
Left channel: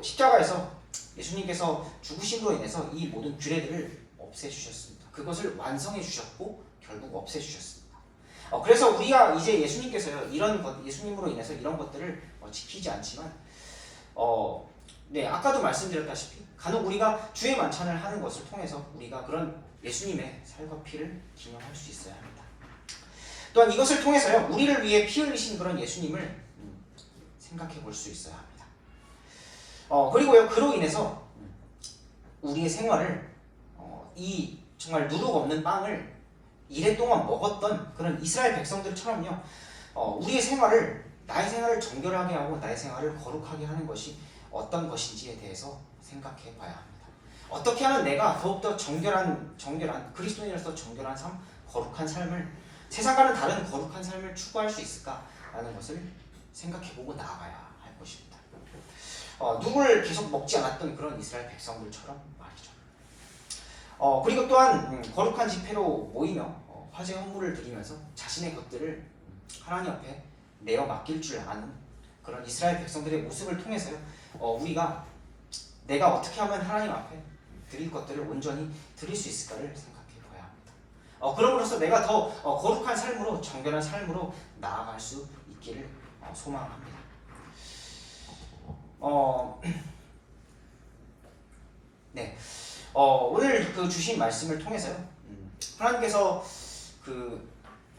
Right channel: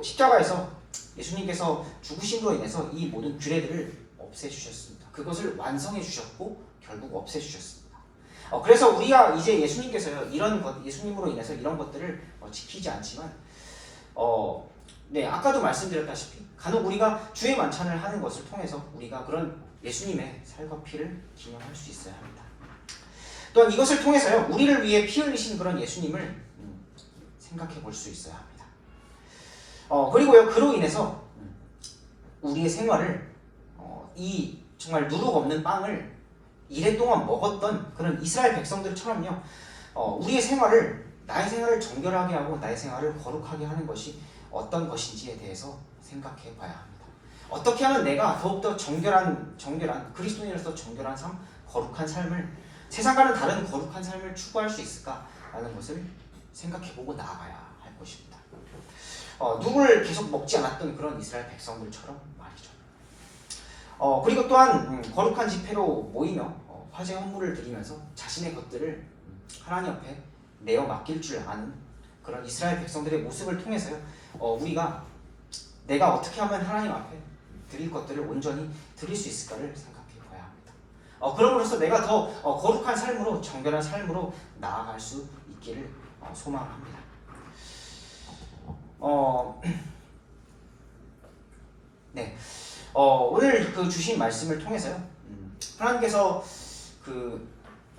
십자가에서 예수님께서 죽으심으로 인해서 이 모든 규례들을 없애주셨습니다. 그것을 완성해 주셨고 결국 없애주셨습니다. 그래서 우리가 이제 예수님께서요, 예수님으로 인해서 이런 것들을 지키지 않지만, 네, 아까도 말씀드렸다시피 간혹 우리가 주의 만찬을 하는 것을 통해서 우리가 그런 예수님의 살과 피를 기념할 수 있어야 합니다. 또한 이것을 통해서요, 우리를 위해 피 흘리신 그런 예수님을 생각해 볼 수 있어야 합니다. 그리고요, 그로 인해서 우리의 생활을 이 정말 누룩 없는 빵을 이래 동안 먹었던 그런 이스라엘 백성들처럼요, 우리의 생활을, 나의 생활을 정결하게 하고 나의 생활을 거룩하게 하는 것이 어떤 것인지에 대해서 생각해 봐야 합니다. 어떻게 하면 내가 더욱더 정결한 그리스도인으로서 정결한 삶, 거룩한 삶을, 세상과는 다른 거룩한 삶을 추구할 수 있을까라는 것을 생각해보고 나아가야 할 것입니다. 누구를 계속 먹지 않았던 그런 이스라엘 백성들처럼 말이죠. 그리고 또한 거룩한 집회로 모이며 화제 헌물을 드리면서 자신의 것들을 하나님 앞에 내어 맡길 줄 아는 그런 이스라엘 백성들의 모습을 통해서요, 우리가 내가 어떻게 하면 하나님 앞에 드릴 것들을 온전히 드릴 수 있을까를 생각해 봐야 합니다. 그럼으로써 내가 더 거룩한 삶으로, 정결한 삶으로 나아갈 수 있기를 소망합니다. 네, 오늘 그 주신 말씀을 통해서요, 하나님께서 그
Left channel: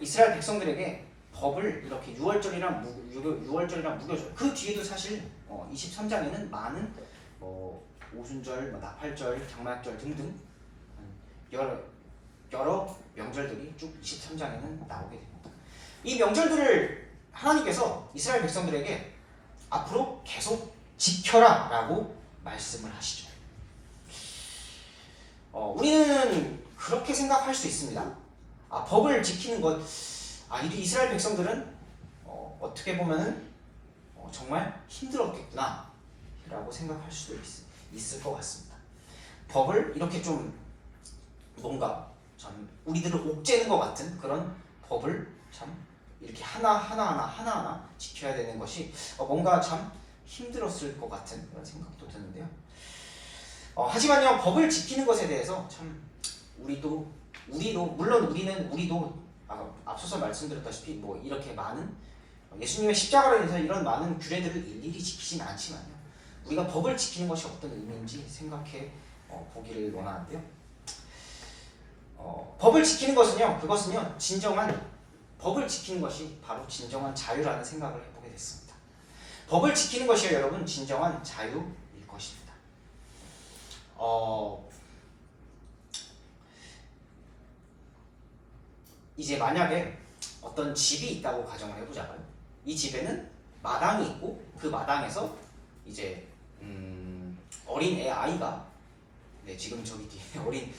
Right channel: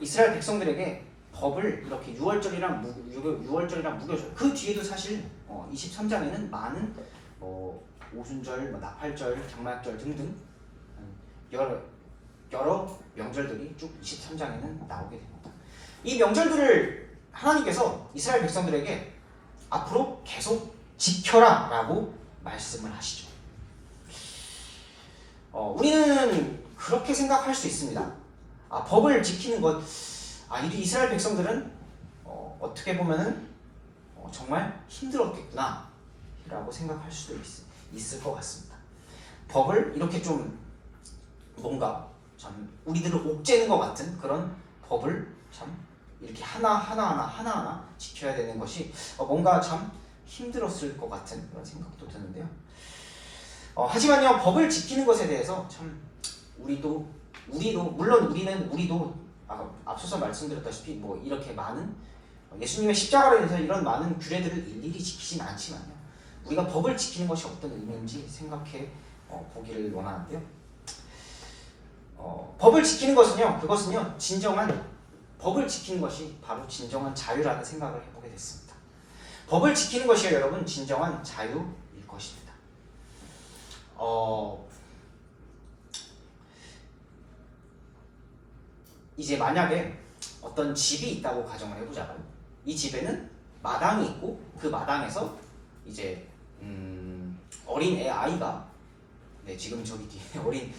이스라엘 백성들에게 법을 이렇게 유월절이랑 무교절, 그 뒤에도 사실 23장에는 많은 오순절, 나팔절, 장막절 등등 여러 명절들이 쭉 23장에는 나오게 됩니다. 이 명절들을 하나님께서 이스라엘 백성들에게 앞으로 계속 지켜라 라고 말씀을 하시죠. 우리는 그렇게 생각할 수 있습니다. 법을 지키는 것, 이 이스라엘 백성들은 어떻게 보면은 정말 힘들었겠구나 라고 생각할 수도 있을 것 같습니다. 법을 이렇게 좀 뭔가 참 우리들을 옥죄는 것 같은 그런 법을 참 이렇게 하나하나 지켜야 되는 것이 뭔가 참 힘들었을 것 같은 그런 생각도 드는데요. 하지만요, 법을 지키는 것에 대해서 참 우리도 물론 우리도 앞서서 말씀드렸다시피 이렇게 많은 예수님의 십자가로 인해서 이런 많은 규례들을 일일이 지키진 않지만요, 우리가 법을 지키는 것이 어떤 의미인지 생각해 보기를 원하는데요. 법을 지키는 것은요, 법을 지키는 것이 바로 진정한 자유라는 생각을 해보게 됐습니다. 법을 지키는 것이요, 여러분, 진정한 자유일 것입니다. 이제 만약에 어떤 집이 있다고 가정을 해보자고요. 이 집에는 마당이 있고 그 마당에서 이제 어린 아이가, 네, 지금 저기 뒤에 어린,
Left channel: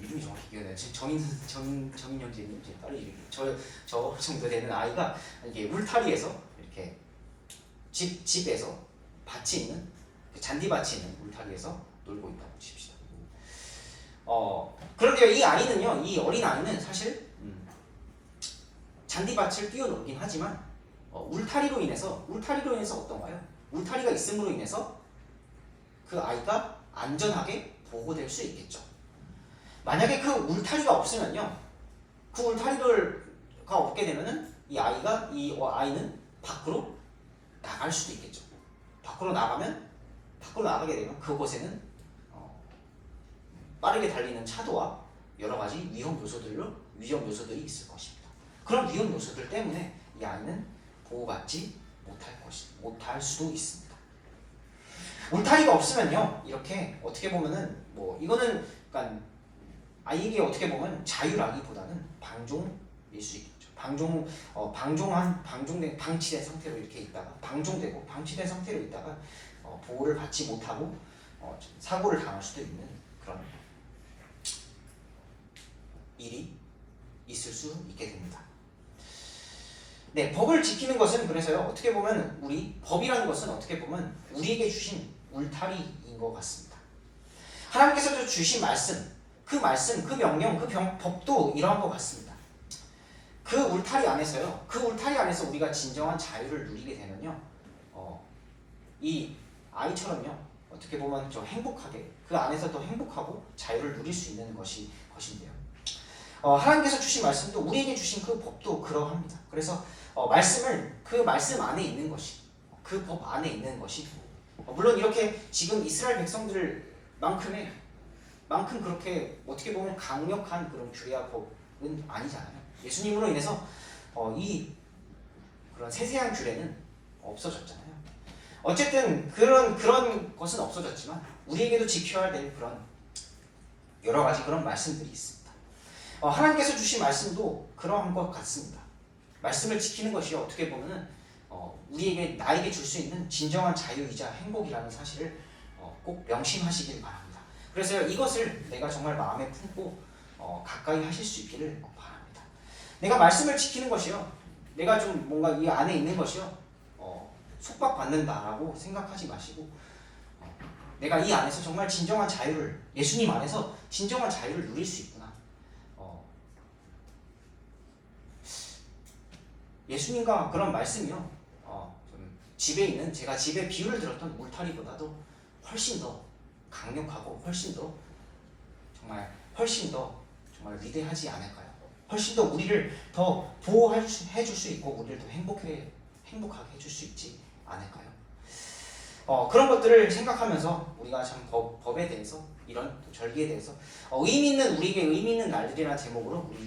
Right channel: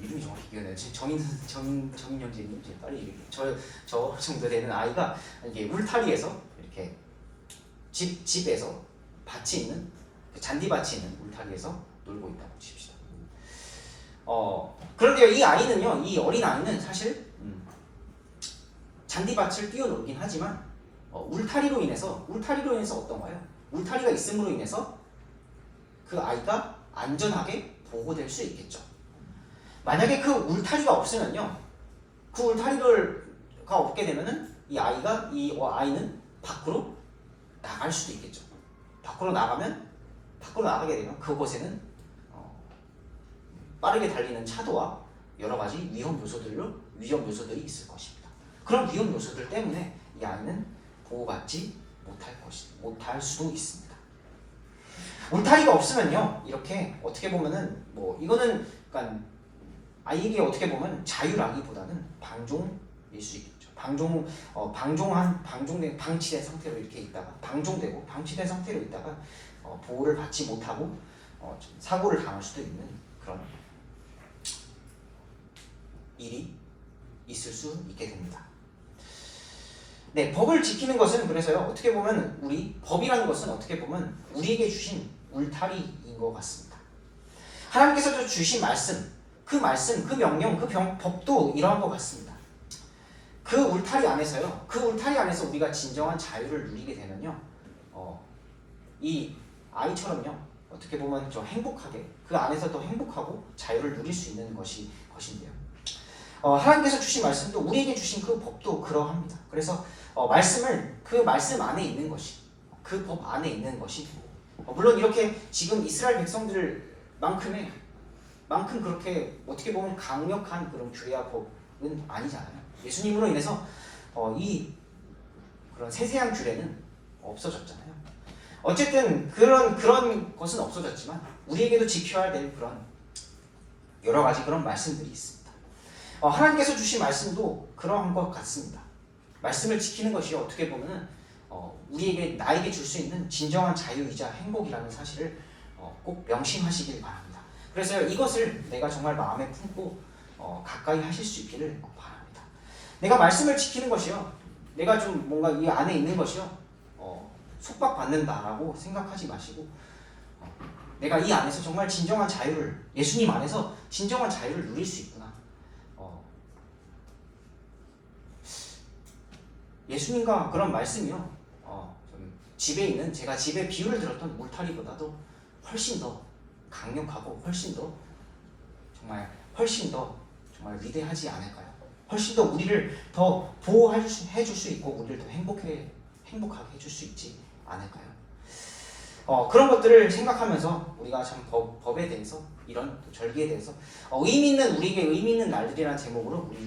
이름이 정확히 기억나요. 정인영재님, 제 딸이 이름이 저 정도 되는 아이가 이게 울타리에서 이렇게 집에서 밭이 있는 그 잔디밭이 있는 울타리에서 놀고 있다고 칩시다. 그런데요, 이 아이는요, 이 어린 아이는 사실 잔디밭을 뛰어놀긴 하지만 울타리로 인해서 어떤가요? 울타리가 있음으로 인해서 그 아이가 안전하게 보호될 수 있겠죠. 만약에 그 울타리가 없으면요, 그 울타리가 없게 되면은 이 아이는 밖으로 나갈 수도 있겠죠. 밖으로 나가게 되면 그곳에는 빠르게 달리는 차도와 여러 가지 위험 요소들이 있을 것입니다. 그런 위험 요소들 때문에 이 아이는 보호받지 못할 수도 있습니다. 울타리가 없으면요, 이렇게 어떻게 보면은 이거는 그러니까 아이에게 어떻게 보면 자유라기보다는 방종일 수 있겠죠. 방치된 상태로 이렇게 있다가 방치된 상태로 있다가 보호를 받지 못하고 사고를 당할 수도 있는 그런 일이 있을 수 있게 됩니다. 네, 법을 지키는 것은 그래서요, 어떻게 보면 법이라는 것은 어떻게 보면 우리에게 주신 울타리인 것 같습니다. 하나님께서 주신 말씀, 그 명령, 법도 이러한 것 같습니다. 그 울타리 안에서 우리가 진정한 자유를 누리게 되면요, 이 아이처럼요, 어떻게 보면 좀 행복하게, 그 안에서 더 행복하고 자유를 누릴 수 있는 것인데요. 하나님께서 주신 말씀도, 우리에게 주신 그 법도 그러합니다. 그래서 그 말씀 안에 있는 것이, 그 법 안에 있는 것이, 물론 이렇게 지금 이스라엘 백성들만큼 그렇게 어떻게 보면 강력한 그런 규례와 법은 아니잖아요. 예수님으로 인해서 그런 세세한 규례는 없어졌잖아요. 어쨌든 그런 것은 없어졌지만 우리에게도 지켜야 될 그런 여러 가지 그런 말씀들이 있습니다. 하나님께서 주신 말씀도 그러한 것 같습니다. 말씀을 지키는 것이 어떻게 보면은 나에게 줄 수 있는 진정한 자유이자 행복이라는 사실을 꼭 명심하시길 바랍니다. 그래서 이것을 내가 정말 마음에 품고 가까이 하실 수 있기를 바랍니다. 내가 말씀을 지키는 것이요, 내가 좀 뭔가 이 안에 있는 것이요, 속박받는다라고 생각하지 마시고, 내가 이 안에서 정말 진정한 자유를, 예수님 안에서 진정한 자유를 누릴 수 있구나. 예수님과 그런 말씀이요, 집에 있는, 제가 집에 비유를 들었던 울타리보다도 훨씬 더 강력하고 훨씬 더 정말 위대하지 않을까요? 훨씬 더 우리를 더 보호해줄 수 있고 우리를 더 행복하게 해줄 수 있지 않을까요? 그런 것들을 생각하면서 우리가 참 법에 대해서, 이런 절기에 대해서 우리에게 의미 있는 날들이라는 제목으로 우리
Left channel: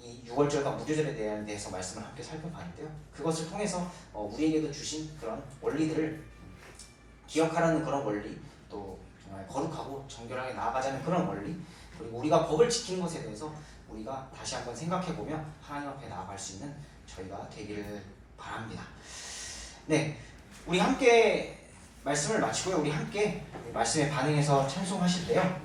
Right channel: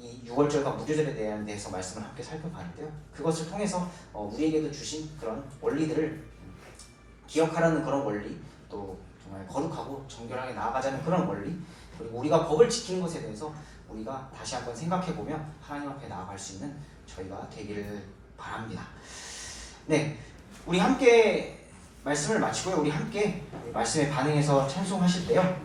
이 6월절과 무교절에 대해서 말씀을 함께 살펴봤는데요. 그것을 통해서 우리에게도 주신 그런 원리들을 기억하라는 그런 원리, 또 정말 거룩하고 정결하게 나아가자는 그런 원리, 그리고 우리가 법을 지키는 것에 대해서 우리가 다시 한번 생각해보며 하나님 앞에 나아갈 수 있는 저희가 되기를 바랍니다. 네, 우리 함께 말씀을 마치고요, 우리 함께 말씀에 반응해서 찬송하실 때요,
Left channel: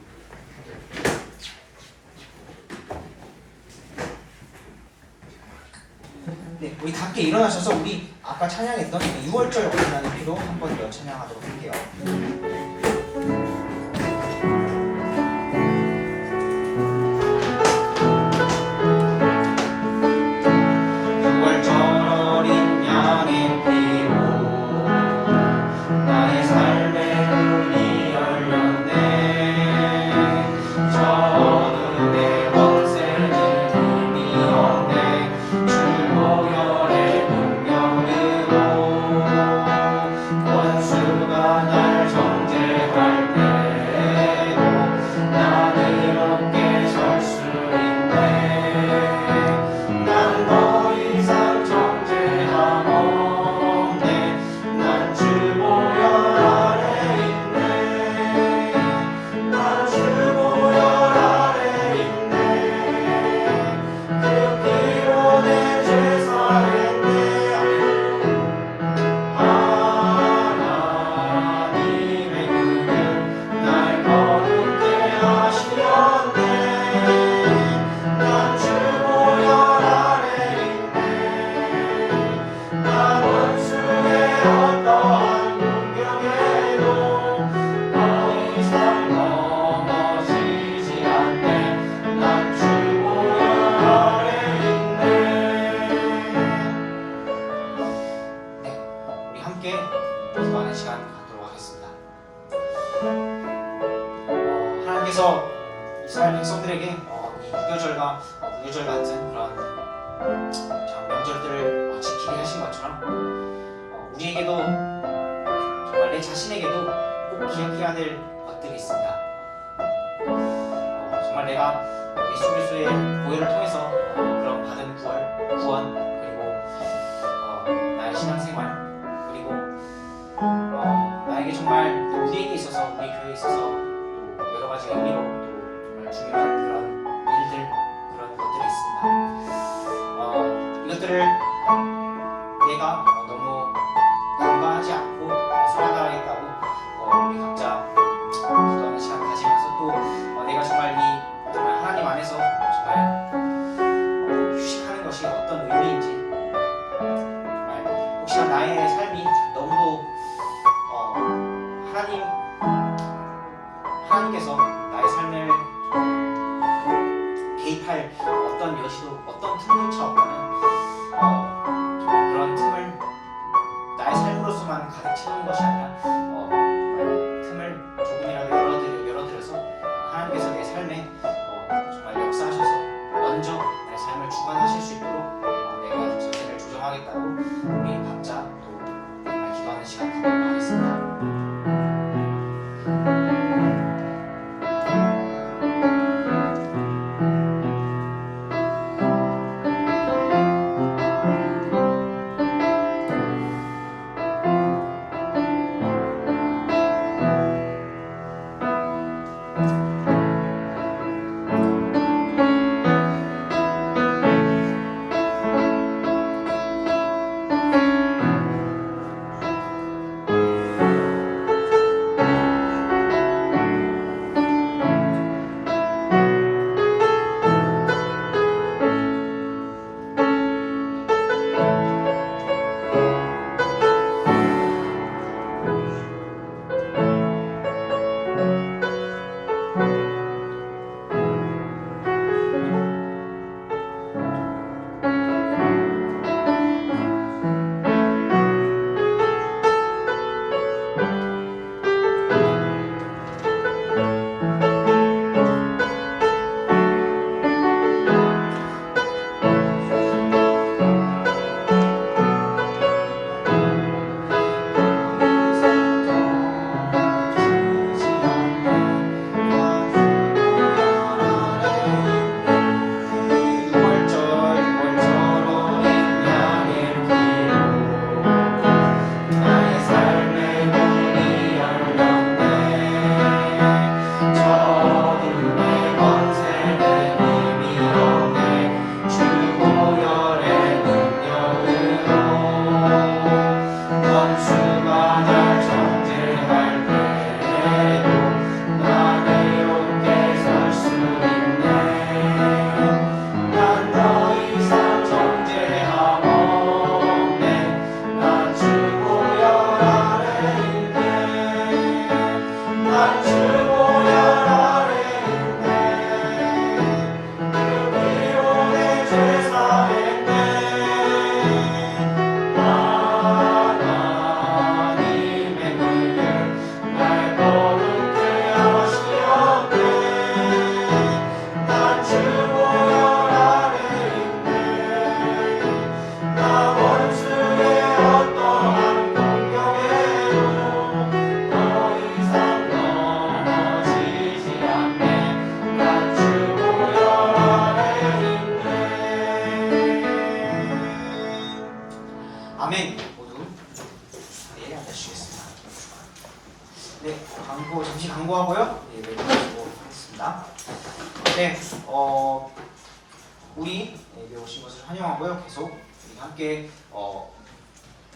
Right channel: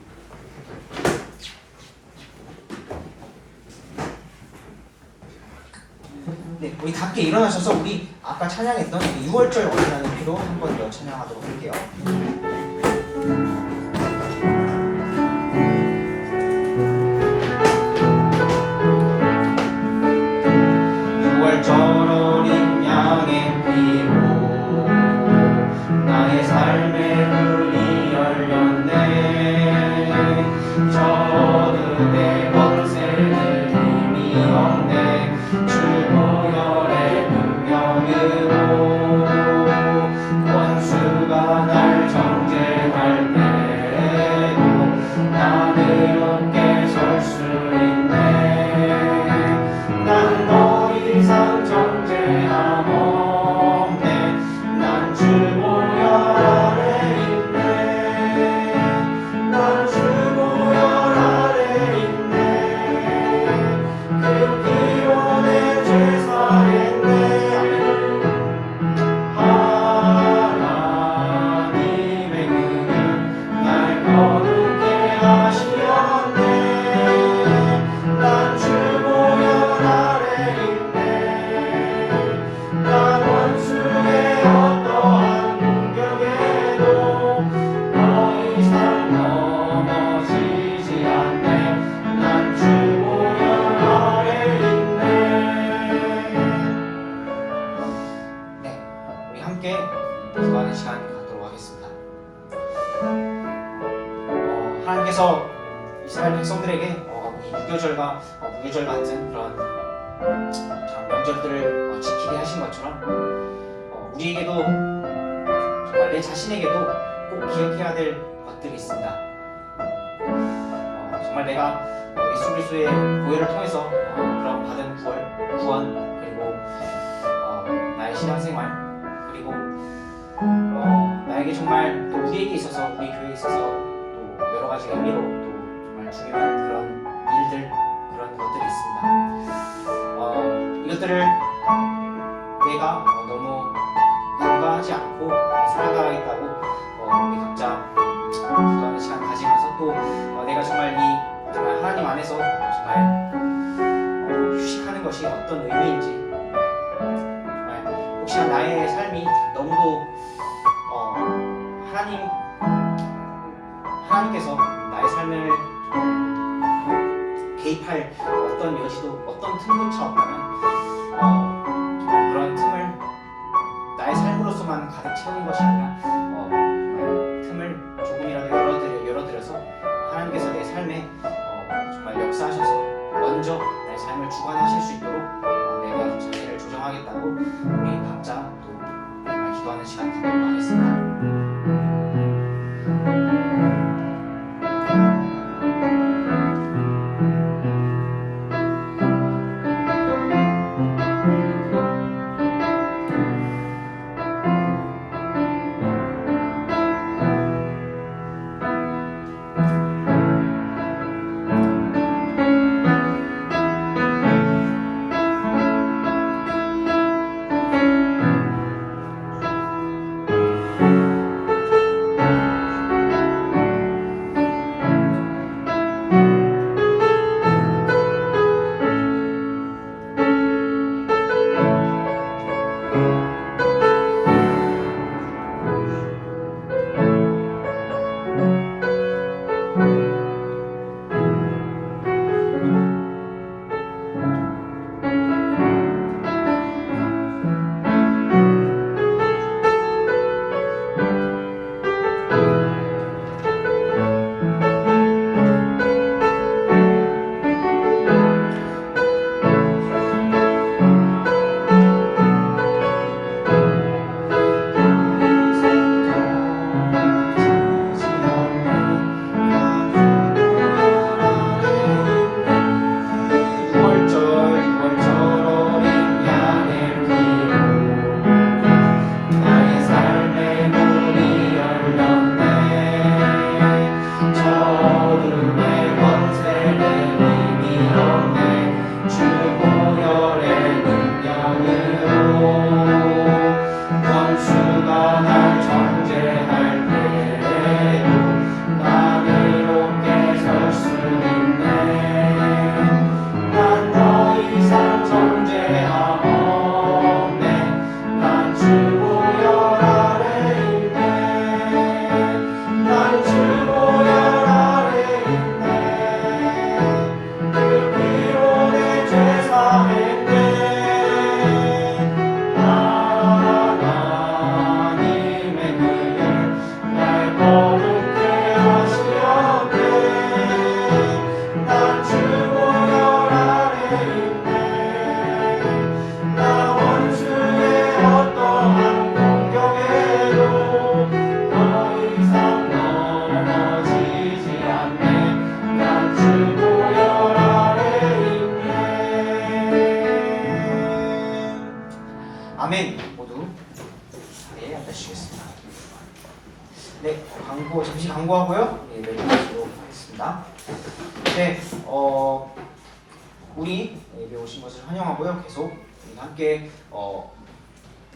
네, 우리 함께 일어나셔서 우리 아까 찬양했던 6월절 어린아이 피로 한 번 더 찬양하도록 할게요. 6월절 어린 양의 피로 나의 삶의 문이 열렸네. 저 어둠의 권세는 이미 없네. 주 보혈의 능력으로 원수가 날 정죄할 때 함께 기도하는 시간 갖도록 하겠습니다. 하나님께서 이스라엘 백성들에게 이 유교절과 무교절 같은 그런 명절들을 지키게 하신 것처럼 우리에게도 정말 내 자신에게도 꼭 기억해야 될 것들이 있습니다. 정말 내가 예수 그리스도의 보혈을 통해서 그런 받은 구원 그리고 나의 신앙생활 그리고 나에게 정말 또 우리에게 있어서 우리 교회에 있어서 또 여러 가지 의미로 또 정말 중요한 그런 일들 그런 것들이 있습니다. 이것들을 내가 너무 간과하지 않고 살아가겠다고 우리 각자 기도하는 시간 가지면서 또 내가 정말 정말 하나님 안에서 정말 휴식하는 것이 어떤 의미인지 정말 혹시나 나의 삶이 너무도 하나님께서 나의 삶을 개입할 어떤 여지도 어떤 틈조차 없다면 정말 그런 틈을 나의 삶으로서만 가득 채우는 것이 아니라 정말 틈을 조금이라도 열어드려서 하나님께서 내 삶에 정말 역사하셔서 먼저 나의 삶을 주관하실 수 있도록 내가 자세를 조정하겠다고 우리 각자 또 정말 기도하는 시간 갖도록 하겠습니다. 아멘. 모두 자리에 앉아주시겠습니다. 네, 잠시 광고하고요. 네, 내려오도록 하겠습니다. 네, 우리 여기 오신 것을 환영하고요. 계속 우리 함께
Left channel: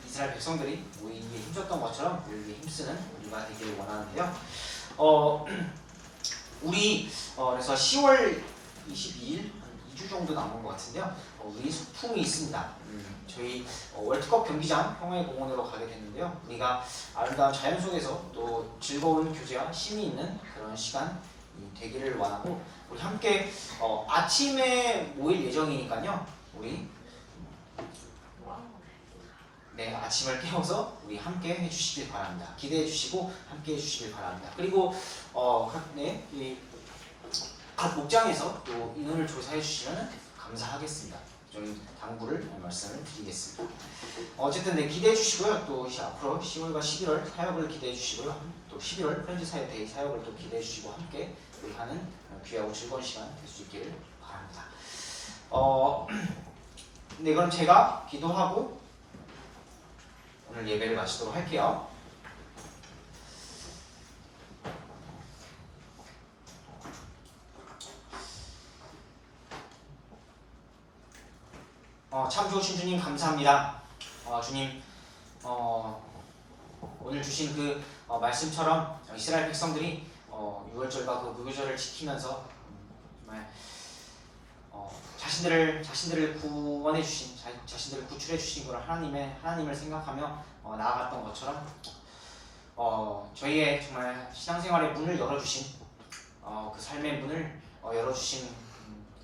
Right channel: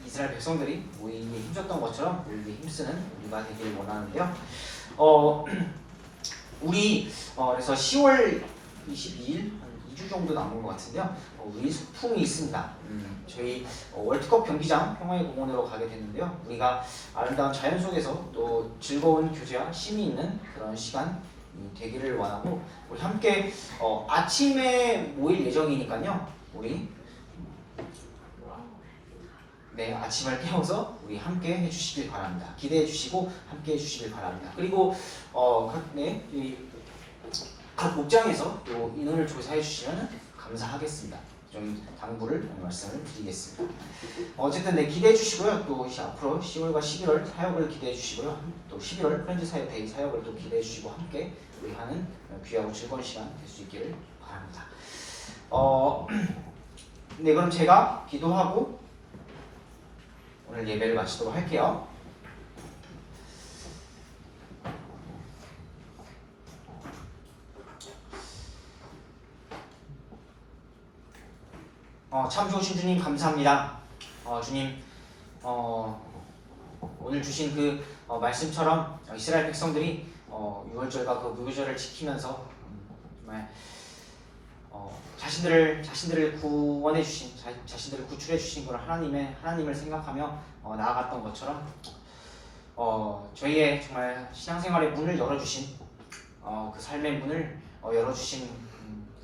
이스라엘 백성들이 모이기에 힘썼던 것처럼 우리에게 힘쓰는 우리가 되기를 원하는데요. 우리 그래서 10월 22일 한 2주 정도 남은 것 같은데요. 우리 소풍이 있습니다. 저희 월드컵 경기장 평화의 공원으로 가게 됐는데요. 우리가 아름다운 자연 속에서 또 즐거운 교제와 쉼이 있는 그런 시간이 되기를 원하고 우리 함께 아침에 모일 예정이니까요. 우리 네, 아침을 깨워서 우리 함께 해주시길 바랍니다. 기대해 주시고 함께 해주시길 바랍니다. 그리고 각 목장에서 또 인원을 조사해 주시면 감사하겠습니다. 저희 당부를 말씀을 드리겠습니다. 어쨌든 네, 기대해 주시고요. 또 앞으로 10월과 11월 사역을 기대해 주시고요. 또 11월 현지 사역 데이 사역을 또 기대해 주시고 함께 우리 하는 귀하고 즐거운 시간 될 수 있기를 바랍니다. 네, 그럼 제가 기도하고 오늘 예배를 마치도록 할게요. 참 좋으신 주님 감사합니다. 주님 오늘 주신 그 말씀처럼 이스라엘 백성들이 유월절과 그 무교절을 지키면서 정말 자신들을 구원해 주신 자신들을 구출해 주신 그런 하나님을 생각하며 나아갔던 것처럼 저희의 정말 신앙생활의 문을 열어주신 그 삶의 문을 열어주신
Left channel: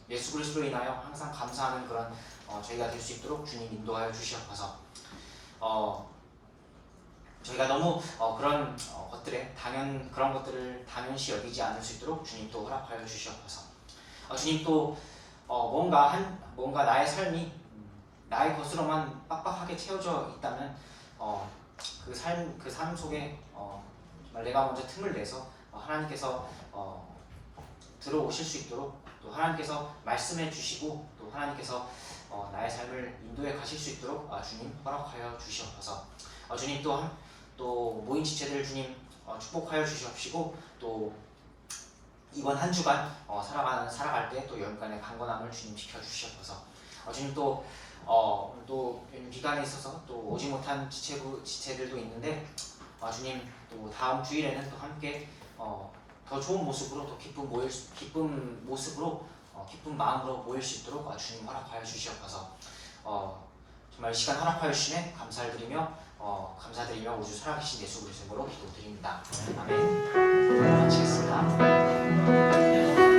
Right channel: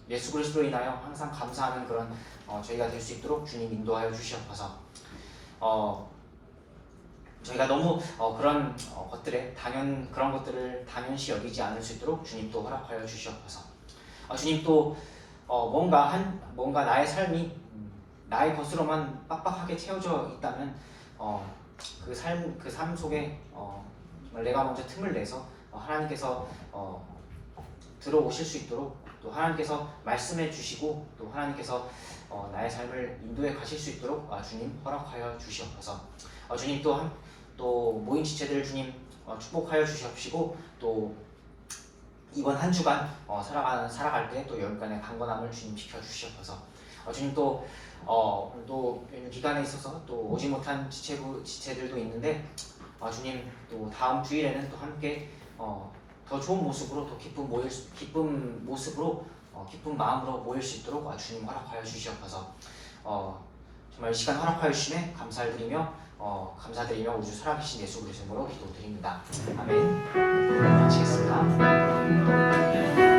예수 그리스도로 인하여 항상 감사하는 그런 저희가 될 수 있도록 주님 인도하여 주시옵소서. 저희가 너무 그런 그런 것들을 당연시 여기지 않을 수 있도록 주님 또 허락하여 주시옵소서. 주님 또 뭔가 나의 삶이 나의 것으로만 빡빡하게 채워져 있다면 그 삶 속에 정말 내가 먼저 틈을 내서 하나님께서 들어오실 수 있도록 또 하나님께서 말씀해 주시고 또 하나님께서 나의 삶을 인도해 가실 수 있도록 주님 허락하여 주시옵소서. 주님 또 모인 지체들 주님 축복하여 주시옵시고 또 이번 한 주간 살아갈 때 또 여기간의 강건함을 주님 지켜 주시옵소서. 주님 또 기간에 있어서 또 오지 못한 지체들도 있는데 주님 또 다음 주일에는 또 함께 더 좋은 모습으로 또 기쁜 모습으로 기쁜 마음으로 모일 수 있도록 주님 허락하여 주시옵소서. 정말 이 시간 허락하여 주시네 감사를 드리며 감사드리며 우주 살아계신 예수 그리스도로 기도드립니다. 아멘. 마치겠습니다.